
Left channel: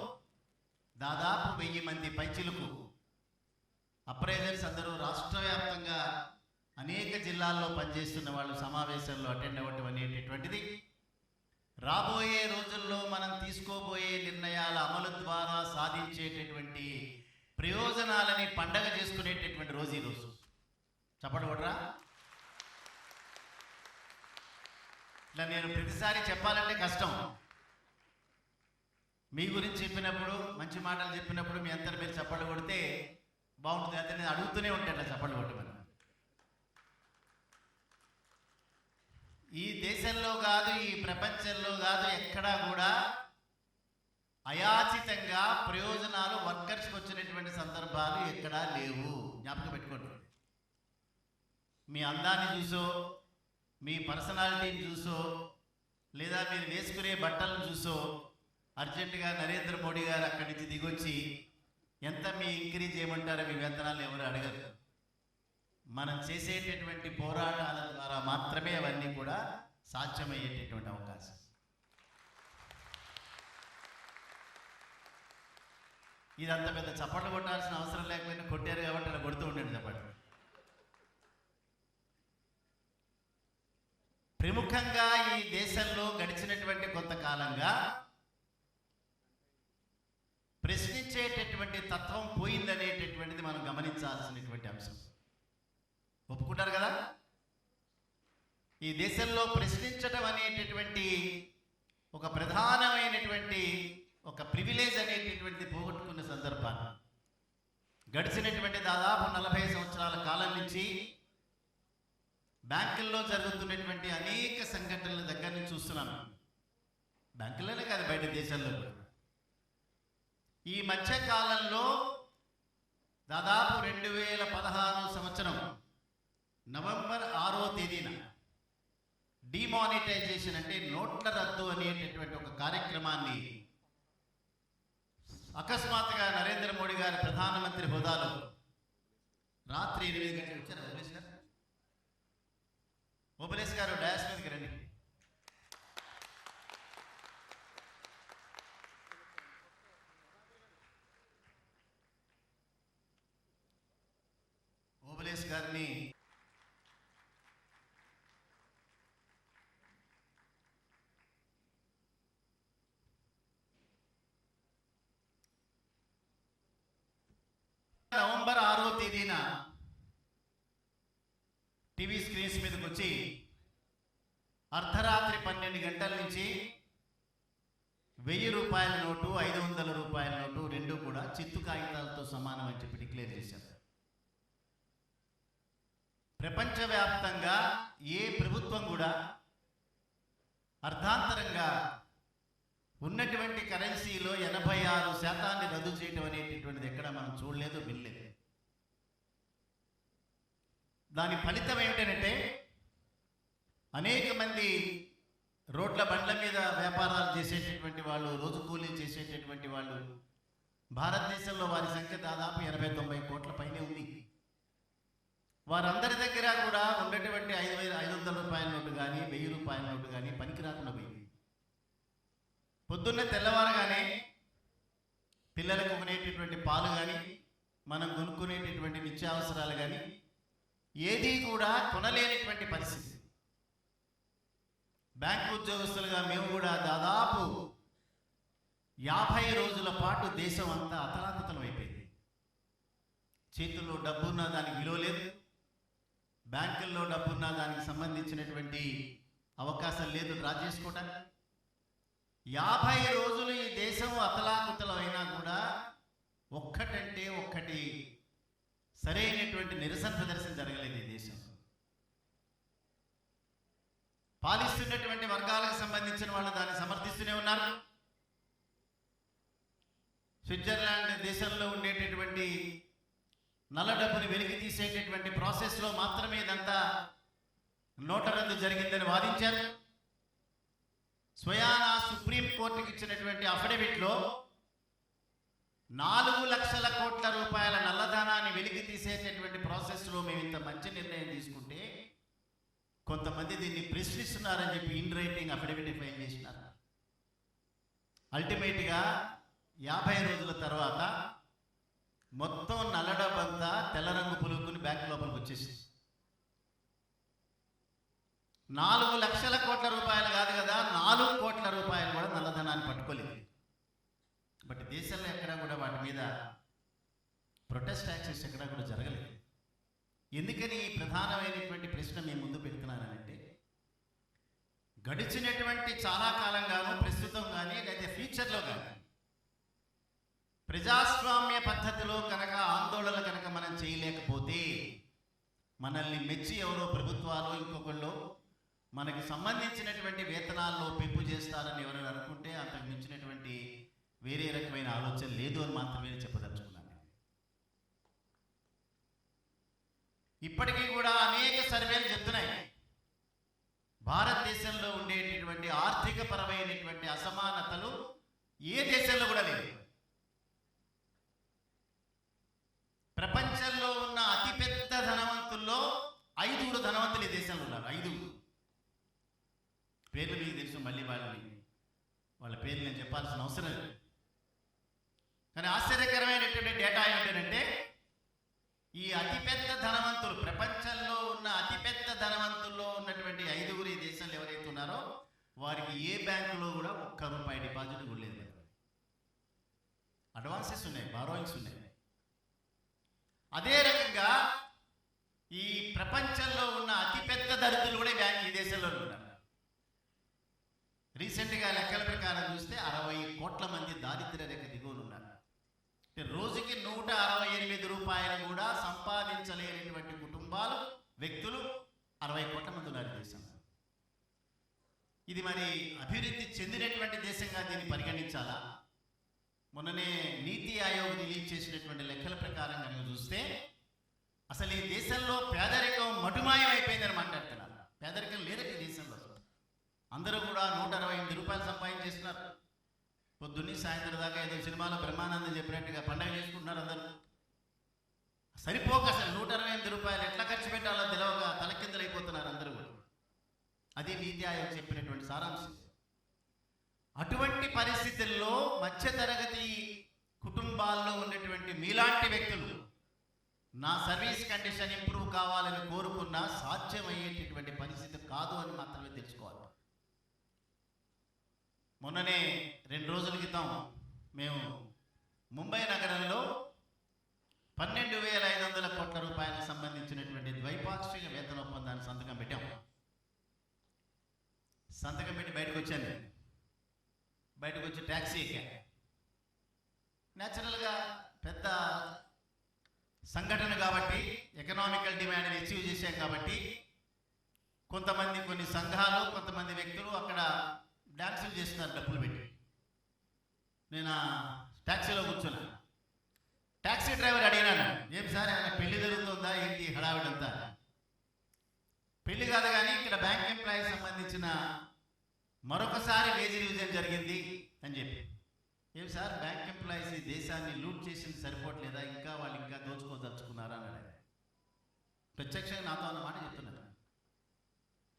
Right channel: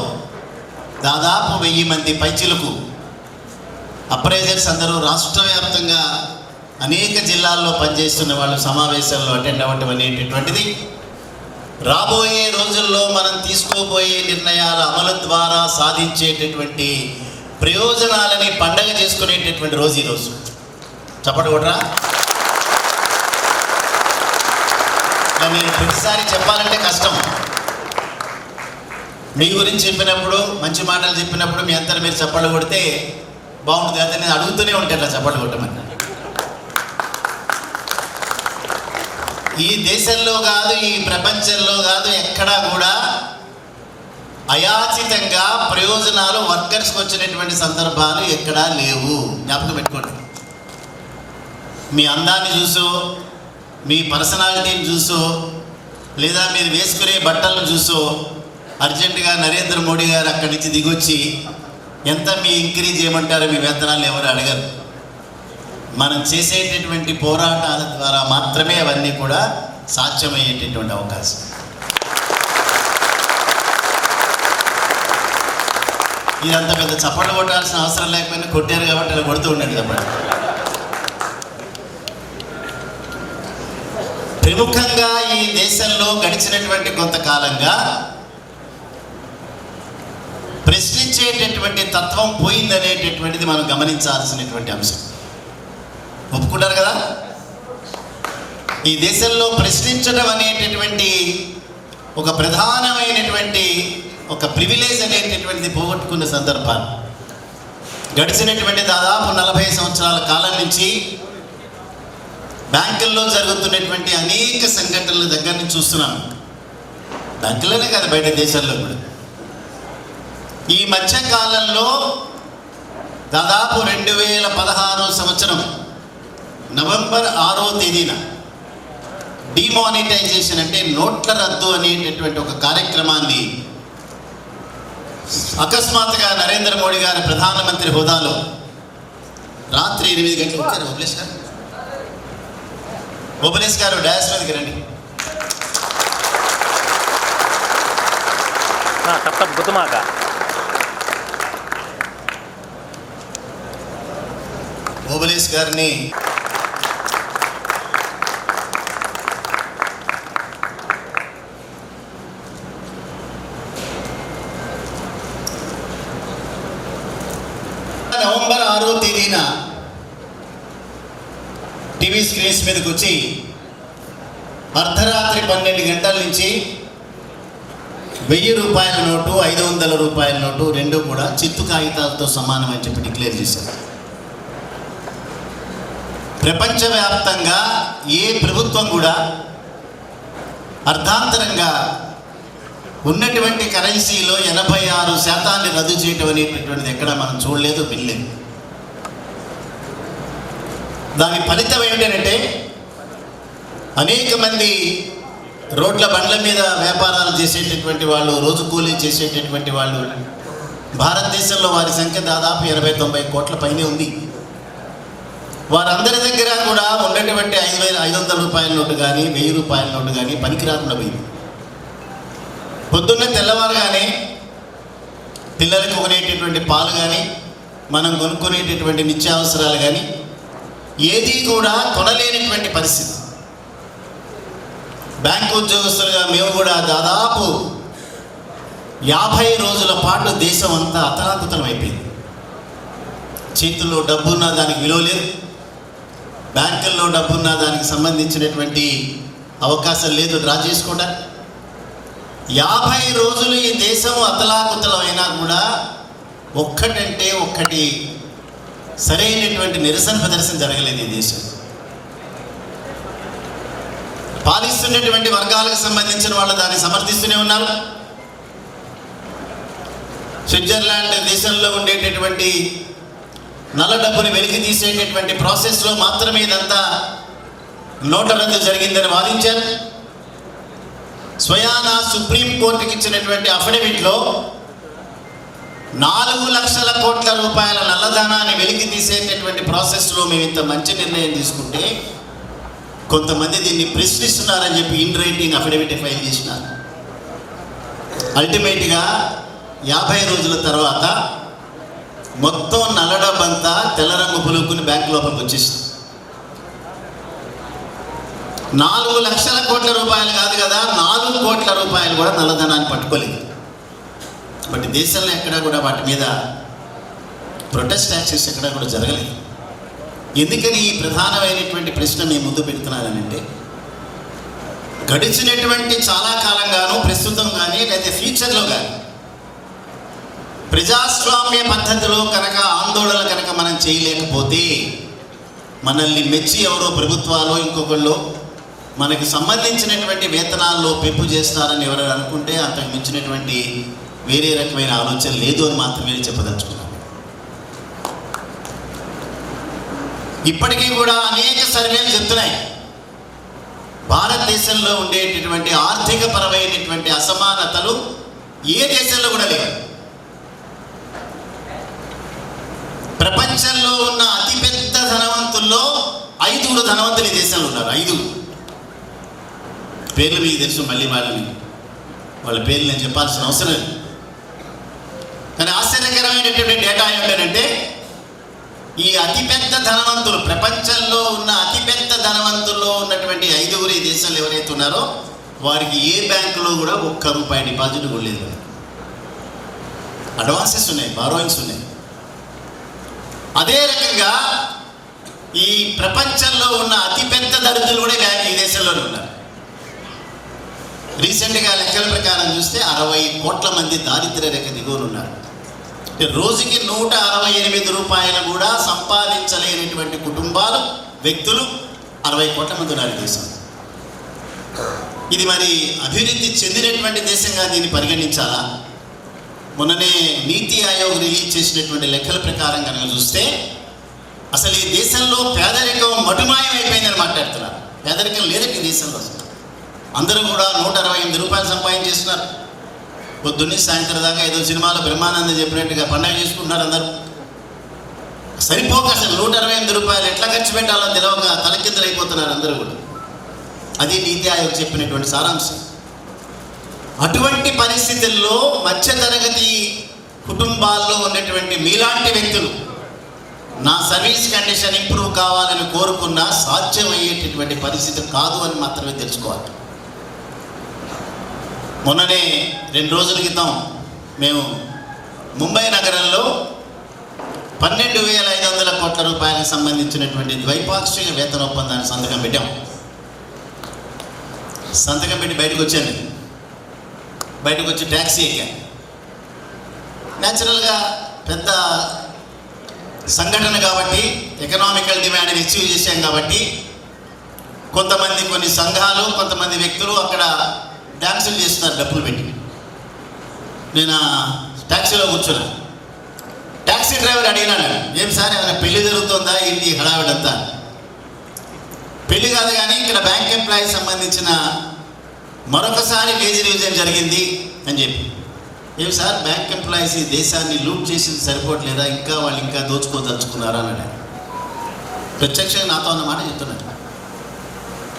దాదాపు 1000 మంది పైచిలకు అప్రైజర్స్ అందరూ రాష్ట్ర వ్యాప్తంగా అనేక జిల్లాల్లో పనిచేస్తున్న వాళ్ళు సమావేశాల్లో అటెండ్ అవ్వటం అనేటటువంటిది రాబోయే రోజుల్లో మనం తీసుకోబోయే నిర్ణయాల అమలు ద్వారా సాధించేటటువంటి ప్రయోజనాలని పండగ చేసుకునేటటువంటి రోజు ఈరోజు. చప్పటి కొట్టరా? నేను ప్రతిసారి చెప్పాలంటే కష్టం. మీ గురించి చెప్పినప్పుడు, మంచి మాటలు చెప్పినప్పుడు మీ అంతా మీరు చప్పట్లు కొడితే బాగుంటుంది. అయితే నేను అడుగుతూనే ఉంటాను అట్లా చప్పట్లు కొట్టమని. ఈ దేశంలో కాదు, ఈ ప్రపంచంలో కాదు, ఎక్కడా కూడా అయాచితంగా ప్రయోజనాలు వర్కర్స్కి వచ్చినటువంటి సందర్భాలు ఎక్కడా లేవు. జ్ఞాపకం పెట్టుకోండి. మీ అందాన్ని చూసో, మీ పర్సనాలిటీని చూసో, లేదా మీరు వేసుకునే బట్టలను చూసో అర్జెంటుగా నరేంద్ర మోడీ గారు అక్కడి నుంచి దిగొచ్చి ఎంత మీ ఇంక్రీజ్ చేయమంటారో మీ వేతనాలు ఎవరు అడగరు. మనం చేసేటటువంటి పోరాటాల ద్వారా మాత్రమే అవన్నీ కూడా సాధ్యమయ్యేటటువంటి అవకాశం. ఇదంత పెద్ద చప్పట్లు కొట్టాల్సిన అవసరం లేకపోయినా కొట్టారు కాబట్టి అలా కొడుతూ ఉండండి చప్పట్లు. ప్రముఖంగా ఈ దేశంలో గడిచినటువంటి కొంతకాలంగా ప్రశ్నించేటటువంటి తత్వం పోయిందనేటటువంటిది మనం గమనించాల్సినటువంటి అంశం. ఒప్పుకుంటారు కదా? ఈ దేశంలో ప్రశ్నించడం అనేటటువంటి ఒక ప్రధానమైనటువంటి ఒక ప్రివిలేజ్ అనేటటువంటిది పోగొట్టుకున్న సందర్భాలు గడిచినటువంటి దాదాపు 40 సంవత్సరాల కాలం నుంచి బ్యాంకుల్లో జరుగుతున్నటువంటి అనేక సంఘటనల దగ్గర నుంచి చూస్తున్నాం. బ్యాంకుల్లోనే కాదు, బయట దేశాల్లో కూడా. ఈ మధ్య కాలంలో దాదాపు 2016 సంవత్సరం నవంబర్ 6వ తేదీన డిమానిటైజేషన్ అంటే నోట్ల రద్దు అనేటటువంటి ఒక కార్యక్రమాన్ని అకస్మాత్తుగా నరేంద్ర మోడీ గారి ప్రధానమంత్రి హోదాలో రాత్రి 8 గంటలకు వచ్చారు. ఓబులేష్ గారు డాష్ మీదకి రండి. గుర్తుమాక ఓబులేష్ గారిని నవంబర్ 6వ తేదీన టీవీ స్క్రీన్స్ మీదకి వచ్చి అర్ధరాత్రి 12 గంటల నుంచి 1000 రూపాయల నోటు, 500 రూపాయల నోటు రెండు కూడా చిత్తు కాగితాలతో సమానం అని చెప్పి డిక్లేర్ చేశారు. ప్రపంచవ్యాప్తంగా ఏ ప్రభుత్వం కూడా అర్ధాంతరంగా ఉన్నటువంటి కరెన్సీలో 86% రద్దు చేయటం అనేటటువంటిది ఎక్కడ మనం చూడలేదు, వినలేదు. దాని ఫలితం ఏమిటంటే అనేక మంది రోడ్ల బండ్ల మీద వ్యాపారాలు చేసేటటువంటి వాళ్ళు, రోజు కూలీ చేసేటటువంటి వాళ్ళు, భారతదేశంలో వారి సంఖ్య దాదాపు 80-90 కోట్ల పైనే ఉంది. వారందరి దగ్గర కూడా ఉన్నటువంటి 500 రూపాయల నోటు కానీ 1000 రూపాయల నోటు కానీ పనికి రాకుండా పోయింది. పొద్దున్నే తెల్లవారుగానే పిల్లలకు కొనేటటువంటి పాలు కానీ, మనం కొనుక్కునేటటువంటి నిత్యావసరాలు కానీ ఏది కూడా కొనలేనటువంటి పరిస్థితి. బ్యాంకు ఉద్యోగస్తులుగా మేము కూడా దాదాపు 50 రోజుల పాటు దేశం అంతా అతలాకుతలం అయిపోయింది. చేతుల్లో డబ్బున్నా దానికి విలువ లేదు, బ్యాంకుల్లో డబ్బున్నా దానికి సంబంధించినటువంటి అవకాశం లేదు డ్రా చేసుకోవడానికి. 50 రోజులు ఈ దేశం అతలాకుతలం అయినా కూడా ఒక్కటంటే ఒక్కటి సరైనటువంటి నిరసన ప్రదర్శన జరగలేదు ఈ దేశం. పాలిస్తున్నటువంటి వర్గాలకు సంబంధించిన వాళ్ళు దాన్ని సమర్థిస్తూనే ఉన్నారు. స్విట్జర్లాండ్ దేశంలో ఉండేటటువంటి నల్ల డబ్బుని వెలికి తీసేటటువంటి ప్రాసెస్లో మాత్రమే ఇదంతా నోట్ల రద్దు జరిగిందని వాదించారు. స్వయాన సుప్రీంకోర్టుకి ఇచ్చినటువంటి అఫిడవిట్లో 4 లక్షల కోట్ల రూపాయల నల్లధనాన్ని వెలికి తీసేటటువంటి ప్రాసెస్లో మేము ఇంత మంచి నిర్ణయం తీసుకుంటే కొంతమంది దీన్ని ప్రశ్నిస్తున్నారని చెప్పి ఇన్ రైటింగ్ అఫిడవిట్ ఫైల్ చేసినారు. అల్టిమేట్గా 50 రోజుల తర్వాత మొత్తం నల్ల డబ్బంతా తెల్ల రంగు పులుకుని బ్యాంక్ లోపలికి వచ్చేసింది. 4 లక్షల కోట్ల రూపాయలు కాదు కదా, 4 కోట్ల రూపాయలు కూడా నల్లధనాన్ని పట్టుకోలేదు. బట్ దేశంలో ఎక్కడా కూడా వాటి మీద ప్రొటెస్ట్ యాక్షన్స్ ఎక్కడా కూడా జరగలేదు. ఎందుకని ఈ ప్రధానమైనటువంటి ప్రశ్న మేము ముందు పెడుతున్నానంటే గడిచినటువంటి చాలా కాలంగాను ప్రస్తుతం కానీ లేదా ఫ్యూచర్లో కానీ ప్రజాస్వామ్య పద్ధతిలో కనుక ఆందోళన కనుక మనం చేయలేకపోతే మనల్ని మెచ్చి ఎవరో ప్రభుత్వాలు ఇంకొకళ్ళు మనకి సంబంధించినటువంటి వేతనాల్లో పెంపు చేస్తారని ఎవరైనా అనుకుంటే అంతకు మించినటువంటి వేరే రకమైన ఆలోచన లేదు అని మాత్రమే చెప్పదలుచుకున్నాను. ఇప్పటికీ కూడా అనేక సర్వేలు చెప్తున్నాయి భారతదేశంలో ఉండేటటువంటి ఆర్థిక పరమైనటువంటి అసమానతలు ఏ దేశంలో కూడా లేవు. ప్రపంచంలో ఉన్న అతిపెద్ద ధనవంతుల్లో 5 ధనవంతులు ఈ దేశంలో ఉన్నారు. 5 పేర్లు మీకు తెలుసు, మళ్ళీ వాళ్ళ పేర్లు నేను చెప్పాల్సిన అవసరం లేదు. కానీ ఆశ్చర్యకరమైనటువంటి డేటా ఏమిటంటే ఈ అతిపెద్ద ధనవంతులు, ప్రపంచంలో ఉన్న అతిపెద్ద ధనవంతుల్లో ఉన్నటువంటి 5 ఈ దేశంలో ఎవరైతే ఉన్నారో వారికి ఏ బ్యాంకులో కూడా ₹1 డిపాజిట్ కూడా లేదు. అడ్వాన్సెస్ ఉన్నాయి, బారోయింగ్స్ ఉన్నాయి. అదే రకంగా ఈ ప్రపంచంలో ఉన్న అతిపెద్ద దరిద్రులు కూడా ఈ దేశంలోనే ఉన్నారు. రీసెంట్గా లెక్కల ప్రకారం చూస్తే 60 కోట్ల మంది దారిద్ర్య రేఖ దిగువన ఉన్నారు. రోజుకి ₹168 కూడా సంపాదించలేనటువంటి కుటుంబాలు, వ్యక్తులు 60 కోట్ల మంది ఉన్నారు దేశం. ఇది మరి అభివృద్ధి చెందినటువంటి దేశంగా దీన్ని పరిగణించాలా? మొన్ననే నీతి ఆయోగ్ రిలీజ్ చేసినటువంటి లెక్కల ప్రకారం కనుక చూస్తే అసలు ఈ దేశంలో పేదరికం మటుమాయం అయిపోయిందని మాట్లాడుతున్నారు. పేదరికం లేదండి ఈ దేశంలో. అందరూ కూడా ₹168 సంపాదించేస్తున్నారు. పొద్దున్నే సాయంత్రం దాకా ఏదో సినిమాలో బ్రహ్మానందం చెప్పినట్టుగా పండగ చేసుకుంటున్నారు అందరూ. సరిపోక అసలు ₹168 ఎట్లా ఖర్చు పెట్టాలో తెలియక తలకిందులు అయిపోతున్నారు అందరూ కూడా. అది నీతి ఆయోగ్ చెప్పినటువంటి సారాంశం. అటువంటి పరిస్థితుల్లో మధ్యతరగతి కుటుంబాల్లో ఉన్నటువంటి మీలాంటి వ్యక్తులు నా సర్వీస్ కండిషన్ ఇంప్రూవ్ కావాలని కోరుకున్నా సాధ్యమయ్యేటటువంటి పరిస్థితి కాదు అని మాత్రమే తెలుసుకోవాలి. మొన్ననే 2 రోజుల క్రితం మేము ముంబై నగరంలో ₹12,500 కోట్ల సంబంధించినటువంటి ద్వైపాక్షిక వేతన ఒప్పందాన్ని సంతకం పెట్టాం. సంతకం పెట్టి బయటకు వచ్చాను. బయటకు వచ్చి ట్యాక్సీ ఎక్కాను. న్యాచురల్గా పెద్ద సంఘటన కాబట్టి, ఎకనామికల్ డిమాండ్ని అచీవ్ చేశాం కాబట్టి కొంతమంది, కొన్ని సంఘాలు, కొంతమంది వ్యక్తులు అక్కడ డ్యాన్సులు చేస్తున్నారు డబ్బులు పెట్టి. నేను ట్యాక్సీలో కూర్చున్నా. ట్యాక్సీ డ్రైవర్ అడిగినాడు, ఏం సార్ ఏమైనా పెళ్లి జరుగుతుందా ఏంటి హడావిడంతా? పెళ్లి కాదు కానీ ఇక్కడ బ్యాంక్ ఎంప్లాయీ సంబంధించిన మరొకసారి వేజ్ రివిజన్ జరిగింది అని చెప్పి. ఏం సార్ బ్యాంక్ ఎంప్లాయీస్ ఈ దేశాన్ని లూట్ చేసింది సరిపోవట్లేదా, ఇంకా వాళ్ళు ఇంకా దోచుకోదలుచుకున్నారా అన్నాడు. ప్రత్యక్షంగా నాతో అన్నమాట చెప్తున్నాడు.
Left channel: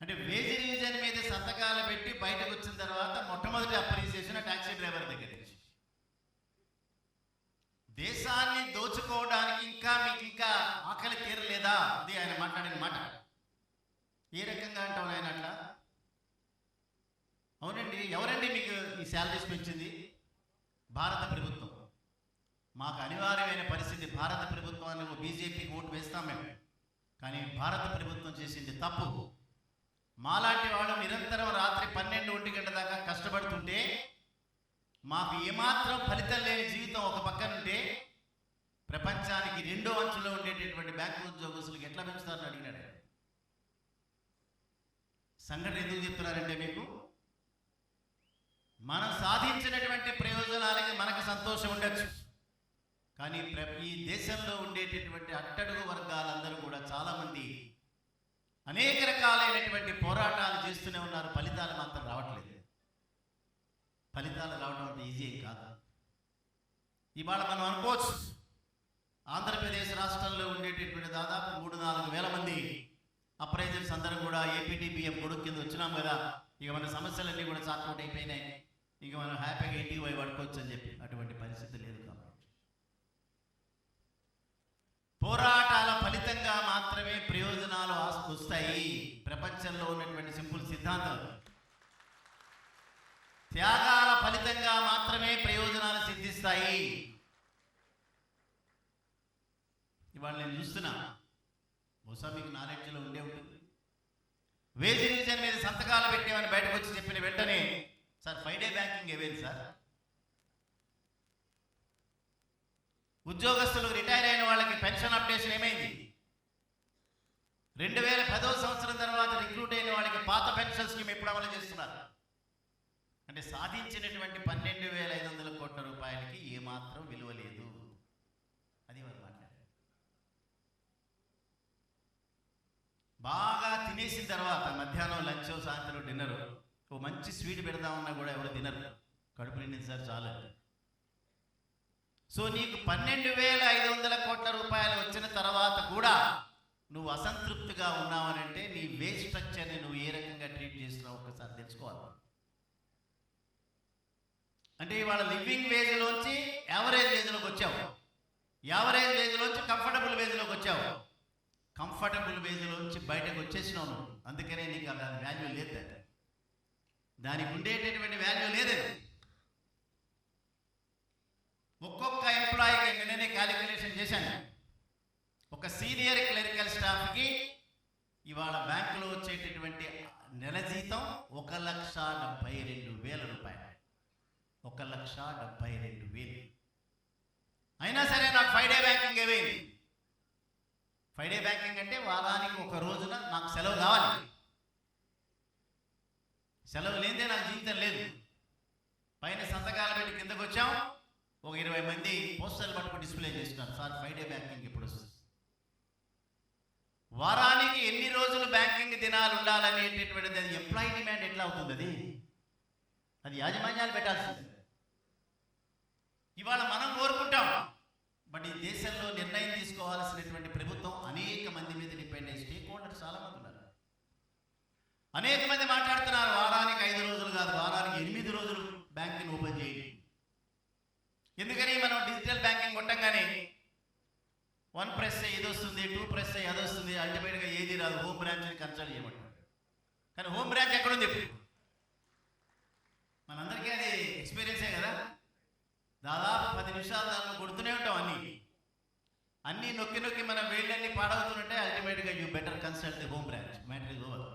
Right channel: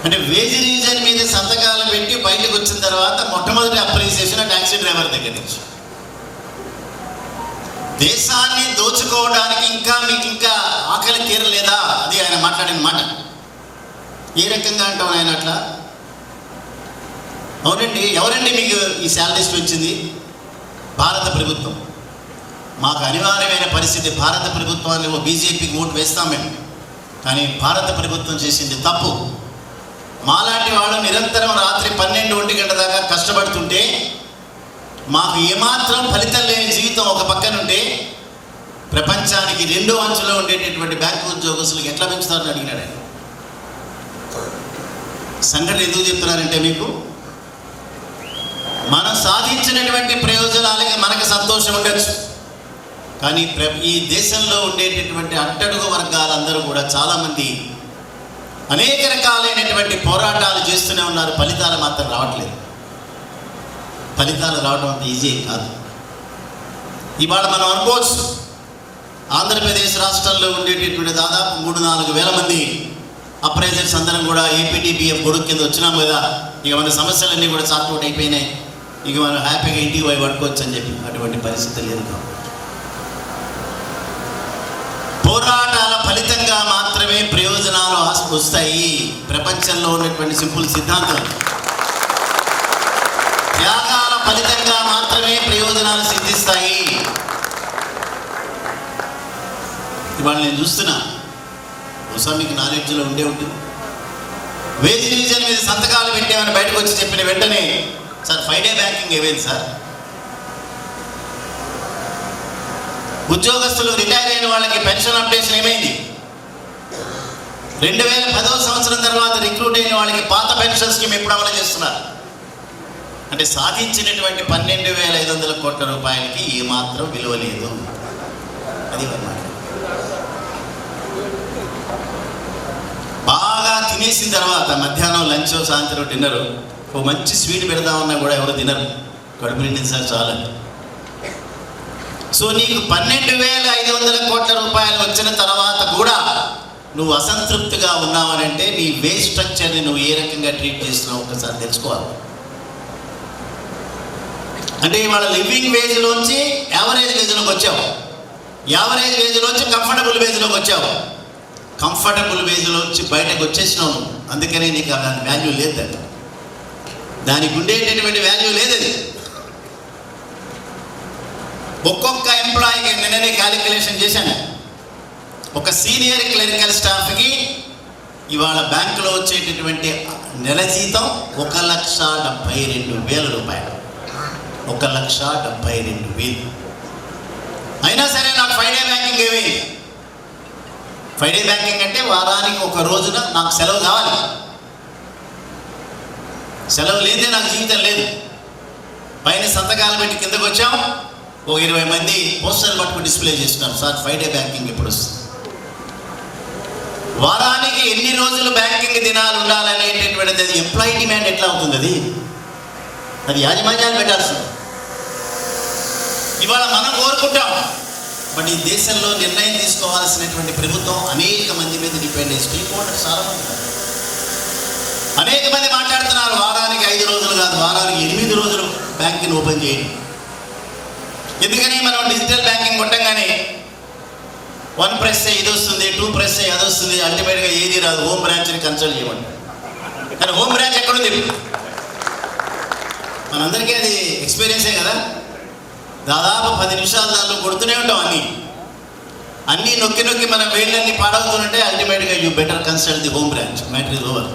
అంటే వేజ్ రివిజన్ మీద సంతకాలు పెట్టి బయటకు వచ్చిన తర్వాత మొట్టమొదటి అప్రిసియేషన్ ట్యాక్సీ డ్రైవర్ దగ్గర నుంచి. దేశాన్ని దోచుకోవడానికి మీకు ఇంకా ఆకలి తీరలేదా? అది ఆయన మాట్లాడిన మాట. ఏ రకంగా అంటాం ఆయన అట్లా? అవునండి, ఎవరండి మీకు ఈ శాలరీస్ పెంచింది? భారత ప్రభుత్వం. మాకు అనివార్యమైన పరిస్థితి. భారత ప్రభుత్వాన్ని బీజేపీకి ఓటు వేస్తాం మేము, కానీ భారత ప్రభుత్వం చేసింది తప్పు. మాలాంటి వాళ్ళు నిరంతరం రాత్రి 12-1 గంట దాకా కష్టపడుతుంటే మాకు ఏమాత్రం ఫలితం లేని జీవితం ఒక పక్కనుంటే ప్రపంచానికి 2వ అంచులో ఉండేటటువంటి బ్యాంకు ఉద్యోగస్తులకు ఎట్లా పెంచుతారని అడిగినాడు ఆయన. సంఘటన ఎందుకు చెప్తున్నారంటే, మీకు మనం సాధించినటువంటి ప్రయోజనాలకి మనకు సంతోషం ఉండొచ్చు, కానీ ఈ దేశంలో ఉండేటటువంటి అట్టడుగు వర్గాలందరూ కూడా చాలామంది అనేక రకాలైనటువంటి పోరాటాలు చేస్తూనే ఉన్నారు. ఫలితాలు మాత్రం రావట్లేదు. ఫలితాలు రావడం అంత ఈజీ కాదు. ఇవాళ మనం అనుకోవచ్చు, ఆంధ్రప్రదేశ్ రాష్ట్రంలో ఉండేటటువంటి దాదాపు 3-4 వేల మంది అప్రైజర్స్ అందరం కూడా ఏపీటీపీఎఫ్ గొడుగు కింద వచ్చినాం కదా, ఇక మన సమస్యలన్నీ కూడా సార్ట్అవుట్ అయిపోయినాయి, ఇక మనం హ్యాపీగా ఇంటికి పోయి పడుకోవచ్చు అని చెప్పి అటువంటి పరిస్థితి లేదు. పోరాటాల ఫలితంగా మాత్రమే ప్రయోజనాలు వస్తాయి. ప్రపంచంలో ఉన్నటువంటి సింపుల్ సిద్ధాంతం. త్యాగాల ఫలితంగా మాత్రమే ప్రయోజనాలు సిద్ధిస్తాయి. ఇవాళ నేను చూస్తున్నా, బహుశా మీకు నాలెడ్జ్లో ఉండే ఉంటుంది. వేజ్ డివిజన్ మీద సంతకాలు పెట్టామని బయటకు వచ్చి చెప్పిన వెంటనే సార్ 5 డే బ్యాంకింగ్ ఏమైంది సార్? ఉద్యోగస్తులు రిటైర్ అయిన వాళ్ళకి పెన్షన్ అప్డేషన్ ఏమైంది? 2010వ సంవత్సరం తర్వాత రిక్రూట్ అయిన వాళ్ళకి పాత పెన్షన్ స్కీమ్ ఎప్పుడు అమలు చేస్తున్నారు? అంటే సాధించినటువంటి 12,500 కోట్ల రూపాయలకి ఏమాత్రం విలువ లేదు. అది అన్నమాట. బాగా తినేసిన తర్వాత మధ్యాహ్నం లంచ్, సాయంత్రం డిన్నర్, ఓ మంచి స్వీట్ పెడదామన్నా కూడా ఎవరు తినరు, కడుపు నిండింది సార్ చాలా. సో నీకు 12,500 కోట్ల రూపాయలు వచ్చిన తర్వాత కూడా నువ్వు అసంతృప్తిగా ఉన్నావనంటే నీ వేజ్ స్ట్రక్చర్ని నువ్వు ఏ రకంగా ట్రీట్ చేస్తున్నావు ఒకసారి తెలుసుకోవాలి. అంటే ఇవాళ లివింగ్ వేజ్లోంచి యావరేజ్ వేజ్లోకి వచ్చావు, యావరేజ్ వేజ్లోంచి కంఫర్టబుల్ వేజ్లోకి వచ్చావు, కంఫర్టబుల్ వేజ్లోంచి బయటకు వచ్చేసినావు. అందుకనే నీకు దాని వాల్యూ లేదు, దానికి ఉండేటటువంటి వాల్యూ లేదు. అది ఒక్కొక్క ఎంప్లాయీకి నిన్ననే క్యాలిక్యులేషన్ చేశాను. ఒక సీనియర్ క్లరికల్ స్టాఫ్కి ఇవాళ బ్యాంకులో వచ్చేటటువంటి నెల జీతం 1,72,000 రూపాయలు. 1,72,000. అయినా సరే నాకు 5 డే బ్యాంకింగ్ ఏమైంది? 5 డే బ్యాంకింగ్ అంటే వారానికి ఒక రోజున నాకు సెలవు కావాలి. సెలవు లేదే నాకు జీవితం లేదు. పైన సంతకాలు పెట్టి కిందకు వచ్చాం, ఒక 20 మంది పోస్టర్లు పట్టుకుని డిస్ప్లే చేస్తున్నారు, సార్ 5 డే బ్యాంకింగ్ ఎప్పుడు వస్తుంది? వారానికి ఎన్ని రోజులు బ్యాంకింగ్ దినాలు ఉండాలనేటటువంటిది అది ఎంప్లాయీ డిమాండ్ ఎట్లా అవుతుంది? అది యాజమాన్యాలు పెట్టాల్సింది. ఇవాళ మనం కోరుకుంటాం, బట్ ఈ దేశంలో నిర్ణయం తీసుకోవాల్సినటువంటి ప్రభుత్వం అనేక మంది మీద డిపెండ్ అయ్యి స్టేక్ హోల్డర్స్ చాలా మంది అనేక మంది మాట్లాడుతున్నారు. వారానికి 5 రోజులు కాదు, వారానికి 8 రోజులు బ్యాంకింగ్ ఓపెన్ చేయండి. ఎందుకని మనం డిజిటల్ బ్యాంకింగ్ కొట్టంగానే 1 ప్రెస్ ఇది వస్తుంది, 2 ప్రెస్ అది వస్తుంది, అల్టిమేట్గా ఏది రాదు. హోమ్ బ్రాంచ్ని కన్సల్ట్ చేయమండి. కానీ హోమ్ బ్రాంచ్ ఎక్కడుంది? మనందరికీ అది ఎక్స్పీరియన్సే కదా. దాదాపు 10 నిమిషాలు దాంట్లో కొడుతూనే ఉంటాం. అన్నీ నొక్కి నొక్కి మన వేళ్ళన్నీ పాడవుతుంటే అల్టిమేట్గా you better consult the home branch, matter is over.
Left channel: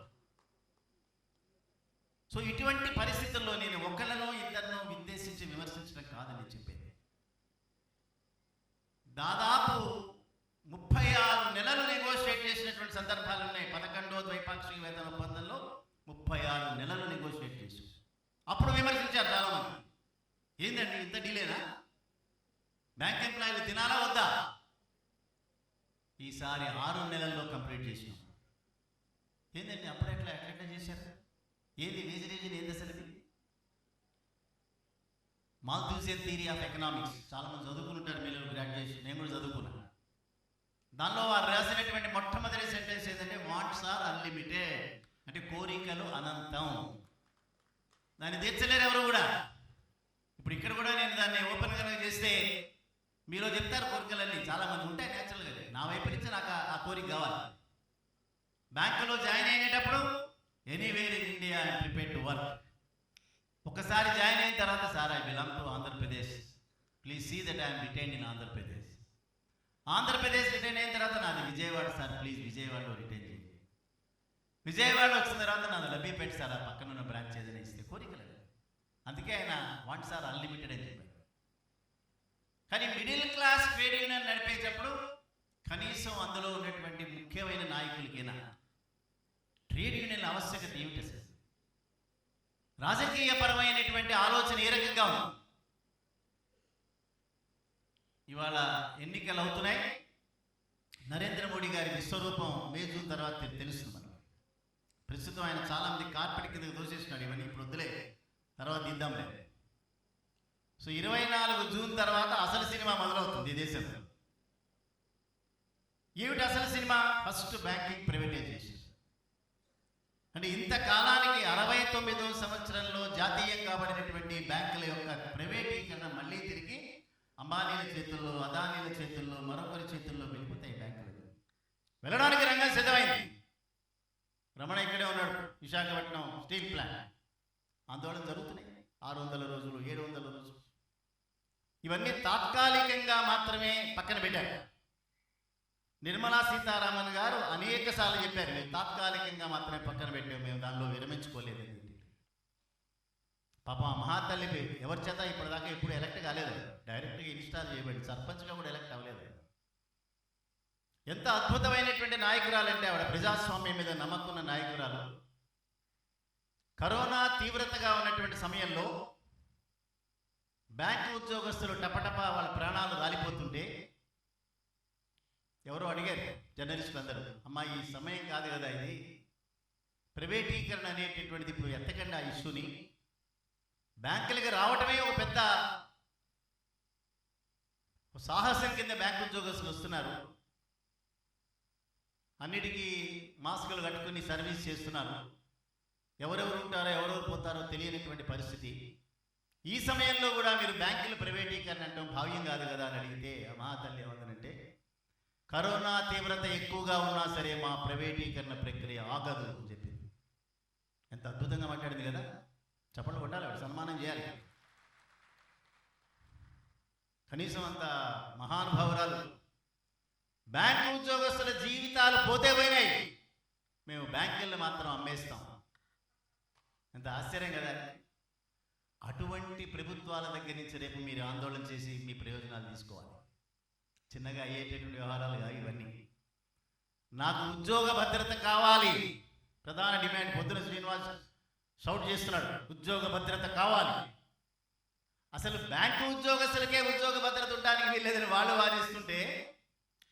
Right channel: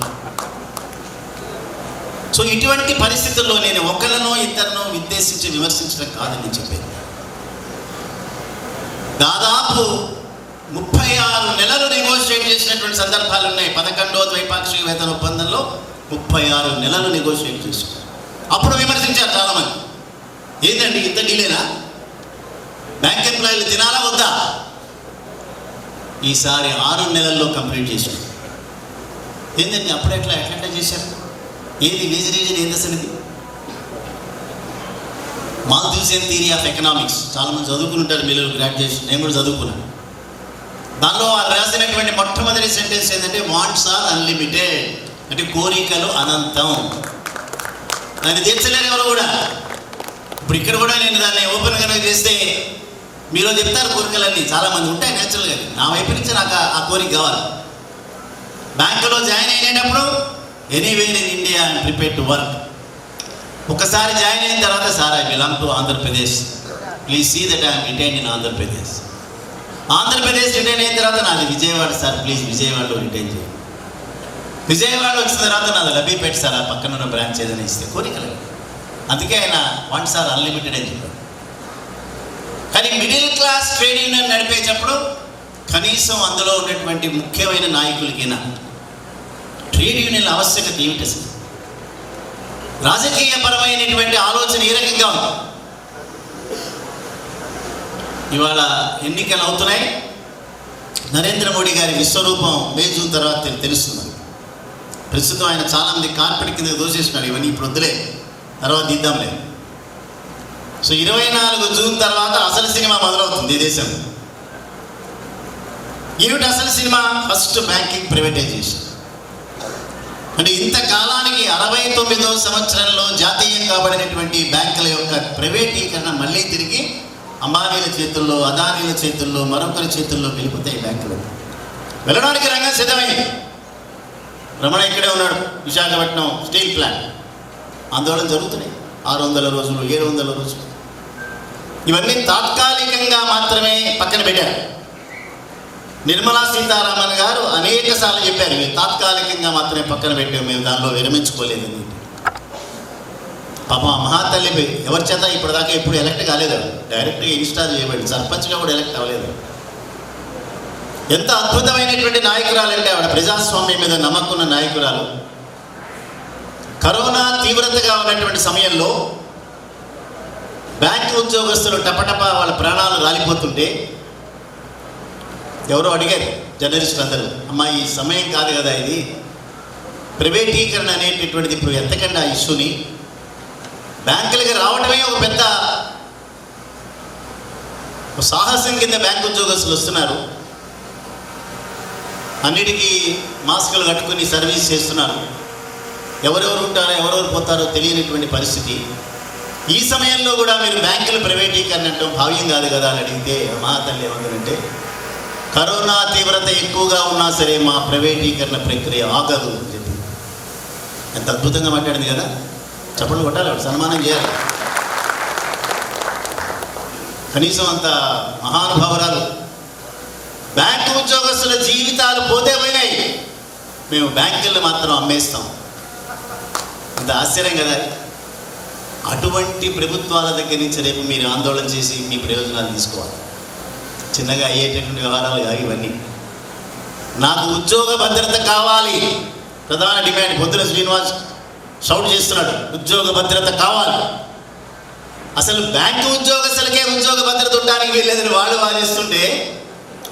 So ఇటువంటి పరిస్థితుల్లో నేను ఒకరినో ఇద్దరినో ఉద్దేశించి విమర్శించడం కాదని చెప్పేది. దాదాపు 36 నెలలు నెగోషియేట్ చేసినటువంటి సందర్భాలు ఉన్నాయి. 11వ ద్వైపాక్షిక వేతన ఒప్పందంలో 36 నెలలు నెగోషియేట్ చేసుకున్నారు. అప్పుడు విమర్శించారు చాలామంది, ఏంటండి ఇంత డీలేనా, బ్యాంక్ ఎంప్లాయీలు తినాలా వద్దా? ఈసారి 6 నెలల్లో కంప్లీట్ చేశారు. ఏంటండి అప్పుడు ఎట్లా చేశారు? ఏది వేజ్ రీజన్ ఏంది అసలు? ఇది మాల్థూసియన్ థియరీ ఆఫ్ ఎకనామిక్స్ చాలామంది చదువుకుని ఉంటారు, మీరు గ్రాడ్యుయేషన్, నేను కూడా చదువుకున్నాను. దానిలో రాసినటువంటి మొట్టమొదటి సెంటెన్స్ ఏంటంటే వాంట్స్ ఆర్ అన్లిమిటెడ్, అంటే కోరికలు అనంతం, దాన్ని తీర్చలేరు ఎవరు కూడా. ఇప్పుడు ఇక్కడ కూడా నేను దాన్ని ఓపెన్ కనుక చేస్తే మీరు చెప్తారు కోరికలన్నీ చాలామంది ఉంటాయి న్యాచురల్గా. నా వైపు నుంచి నాకు ఆ కోరిక కావాలి. బ్యాంకులో జాయిన్ అయినప్పుడు anywhere in India I'm prepared to work. ఒకసారి జాయిన్ అయిన తర్వాత sir I belong to Andhra Pradesh, please see that I'm retained in Andhra Pradesh. Andhra Pradesh retain అయిన తర్వాత నాది విజయవాడ సార్, ప్లీజ్ విజయవాడలో రిటైన్ చేయండి. విజయవాడ వచ్చిన తర్వాత నాది లబ్బీపేట సార్, ఆ పక్కన ఉన్న బ్రాంచ్ ఏదైనా ఇస్తే కోరికలు. అందుకే ఆయన వాంట్స్ ఆర్ అన్లిమిటెడ్ అని చెప్పారు. కానీ మిడిల్ క్లాస్ ట్రేడ్ యూనియన్ నడిపేటప్పుడు కనీసం అందులో ఉన్నటువంటి ముఖ్యమైన నాయకులకైనా ట్రేడ్ యూనియన్ల ఆవశ్యకత ఏమిటి అసలు? రాజకీయపరమైనటువంటి ఆలోచన ఏ రకంగా ఉంది? ఇవాళ ఎన్నికలు అవుతున్నాయి. నరేంద్ర మోడీ గారి విశ్వరూపం మే జూన్ తర్వాత తెలుస్తుంది. ప్రస్తుతం ఆయన చాలామంది కార్పెట్ కింద దోసేస్తున్నారు, ఇవన్నీ ఇప్పుడు వద్దులే, తర్వాత దిద్దాంలే. సో 24 జూన్ తర్వాత అసలు సినిమా మొదలవుతుంది ఈ దేశంలో. ఏమిటి అసలు సినిమా? First banking privatisation. అంటే ఇంతకాలానికి 69వ సంవత్సరంలో జాతీయం కాబడినటువంటి బ్యాంకుల యొక్క ప్రైవేటీకరణ మళ్ళీ తిరిగి అంబానీల చేతుల్లో, అదానీల చేతుల్లో, మరొకరి చేతుల్లో వెళ్ళిపోతాయి బ్యాంకులు. వెళ్ళడానికి రంగం సిద్ధమైంది. రమణ ఇక్కడే ఉన్నాడు, విశాఖపట్నం స్టీల్ ప్లాంట్ ఆందోళన జరుగుతున్నాయి. 600 రోజులు, 700 రోజులు, ఇవన్నీ తాత్కాలికంగా మాత్రమే పక్కన పెట్టారు. నిర్మలా సీతారామన్ గారు అనేక సార్లు చెప్పారు, మేము తాత్కాలికంగా మాత్రమే పక్కన పెట్టాము, మేము దానిలో విరమించుకోలేదని. పాపం ఆ మహాతల్లి ఎవరి చేత ఇప్పటిదాకా ఎప్పుడు ఎలక్ట్ కాలేదు, డైరెక్ట్గా ఇన్స్టాల్ చేయబడి సర్పంచ్గా కూడా ఎలక్ట్ అవ్వలేదు. ఎంత అద్భుతమైనటువంటి నాయకురాలంటే ఆవిడ, ప్రజాస్వామ్యం మీద నమ్మకున్న నాయకురాలు. కరోనా తీవ్రతగా ఉన్నటువంటి సమయంలో బ్యాంకు ఉద్యోగస్తులు టపటప వాళ్ళ ప్రాణాలు రాలిపోతుంటే ఎవరో అడిగారు జర్నలిస్టులు అందరూ, అమ్మా ఈ సమయం కాదు కదా ఇది, ప్రైవేటీకరణ అనేటటువంటిది ఇప్పుడు ఎంతకంటే ఆ ఇష్యూని, బ్యాంకులకి రావడమే ఒక పెద్ద సాహసం కింద బ్యాంకు ఉద్యోగస్తులు వస్తున్నారు, అన్నిటికీ మాస్కులు కట్టుకుని సర్వీస్ చేస్తున్నారు, ఎవరెవరు ఉంటారో ఎవరెవరు పోతారో తెలియనటువంటి పరిస్థితి. ఈ సమయంలో కూడా మీరు బ్యాంకుల ప్రైవేటీకరణ అంటే భావ్యం కాదు కదా అని అడిగితే మా తల్లి ఏమంటారంటే, కరోనా తీవ్రత ఎక్కువగా ఉన్నా సరే మా ప్రైవేటీకరణ ప్రక్రియ ఆగదు అని చెప్పి. ఎంత అద్భుతంగా మాట్లాడింది కదా, చప్పట్లు కొట్టాలి, సన్మానం చేయాలి. కనీసం అంత మహానుభావురాలు. బ్యాంకు ఉద్యోగస్తుల జీవితాలు పోతే పోయినాయి, మేము బ్యాంకులను మాత్రం అమ్మేస్తాం. ఇంత ఆశ్చర్యం కదా. అటువంటి ప్రభుత్వాల దగ్గర నుంచి రేపు మీరు ఆందోళన చేసి మీ ప్రయోజనాలు తీసుకోవాలి. చిన్నగా అయ్యేటటువంటి వ్యవహారాలు కాదు ఇవన్నీ. నాకు ఉద్యోగ భద్రత కావాలి, ప్రధాన డిమాండ్. పొద్దున శ్రీనివాస్ షౌట్ చేస్తున్నాడు, ఉద్యోగ భద్రత కావాలి. అసలు బ్యాంకు ఉద్యోగస్తులకే ఉద్యోగ భద్రత ఉండడానికి వీల్లేదని వాళ్ళు వాదిస్తుంటే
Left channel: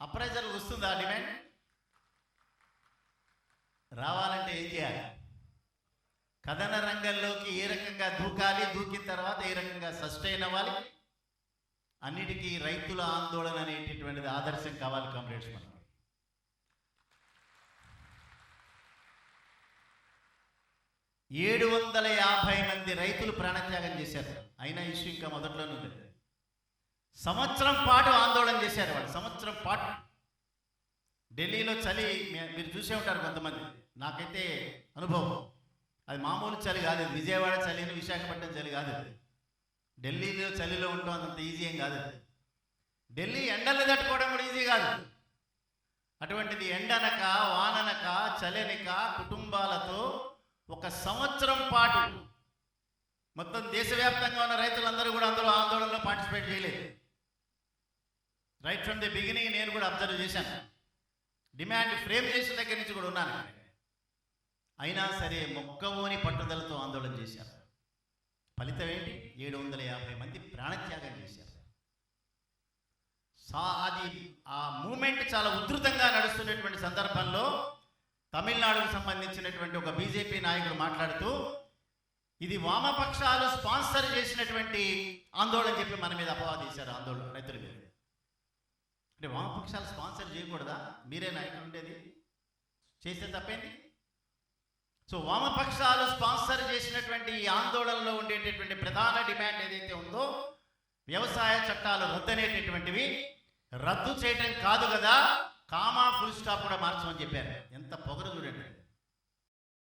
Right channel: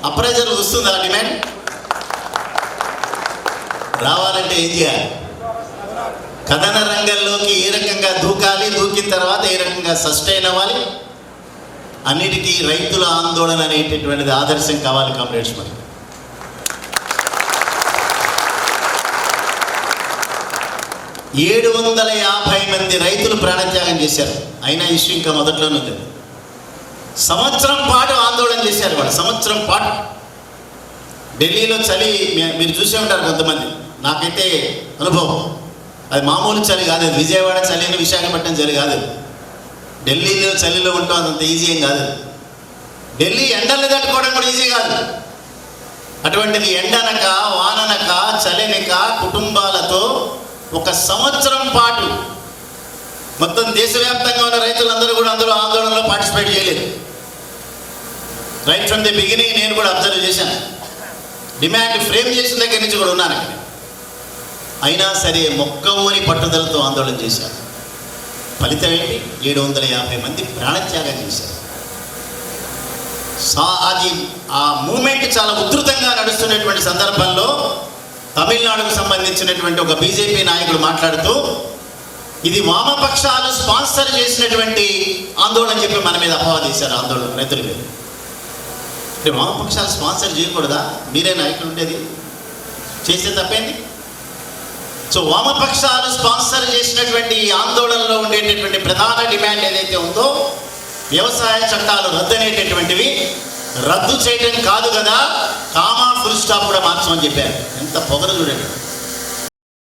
అప్రైజర్ వస్తుందా డిమాండ్? రావాలంటే ఏం చేయాలి? కథన రంగంలోకి ఏ రకంగా దూకాలి, దూకిన తర్వాత ఏ రకంగా సస్టైన్ అవ్వాలి, అన్నిటికీ రైతుల ఆందోళన అనేటటువంటిది ఆదర్శం కావాలి కామ్రేడ్స్. మరి 750 మంది రైతులు ప్రాణత్యాగం చేశారు. అయినా ఇష్యూ ఇంకా మొదట్లోనే ఉంది. సంవత్సరం పాటు ఆందోళన చేశారు వాళ్ళు, సంవత్సరం పాటు. ఢిల్లీలో చలి మీరు చూసే ఉంటారు కొంతమంది, నాకైతే అనుభవం. అది మామూలు చలి కాదు, అది విజయవాడ చలిని విశాఖపట్నం చలి కాదు. ఢిల్లీలో చలిలో ఉంటాం, అంత ఈజీ ఏం కాదు. ఢిల్లీ ఎండలు తట్టుకోవడం కూడా ఈజీ కాదు. అటువంటిది ఎండనక వాననక చలినక కుటుంబాలతో ఒక సంవత్సరం పాటు మొత్తం దేశవ్యాప్తంగా ఉన్న రైతులందరూ కూడా అందులో ఆందోళనలో పార్టిసిపేట్ చేయలేదు. రైట్ ఫ్రమ్ ది బిగినింగ్ నేను కూడా అబ్జర్వ్ చేశాను. డిమాండ్ ఫ్రేమ్ చేసిన దగ్గర నుంచి కూడా ఉన్నాను. అయినా సరే మొక్కవోని పట్టుదలతో ఆందోళన చేశారు. ఫలితం ఏంటి? 750 మంది ప్రాణత్యాగం చేశారు. అది ఆ మూమెంట్ చాలా ఉధృతంగా నడుస్తున్నటువంటి సందర్భంలో తమిళనాడుకు సంబంధించినటువంటి ఒక బీజేపీ నాయకుడు మాట్లాడుతూ, ఇది వామపక్షాలు స్పాన్సర్ చేసినటువంటి ఆందోళన చెప్పి మన మీద అపవాదించారు. ఆందోళన రైతుల మీద అంటే వామపక్షాలు స్పాన్సర్ చేయకూడదా? మీరే నాయకులు ఉండేది, చేసే తప్పేంటి? సో వామపక్షాలు స్పాన్సర్ చేసినటువంటి ఆందోళనలో ఉండేటటువంటి ప్రధాన డిమాండ్ ఏదైతే ఉందో, వ్యవసాయ చట్టాలు రద్దు అనేటటువంటివి రద్దు చేయడం కాదు కదా, కామా ఫుల్ స్టాప్ కూడా మార్చమని చెప్పారు. ఎంత పొగరు చూడండి.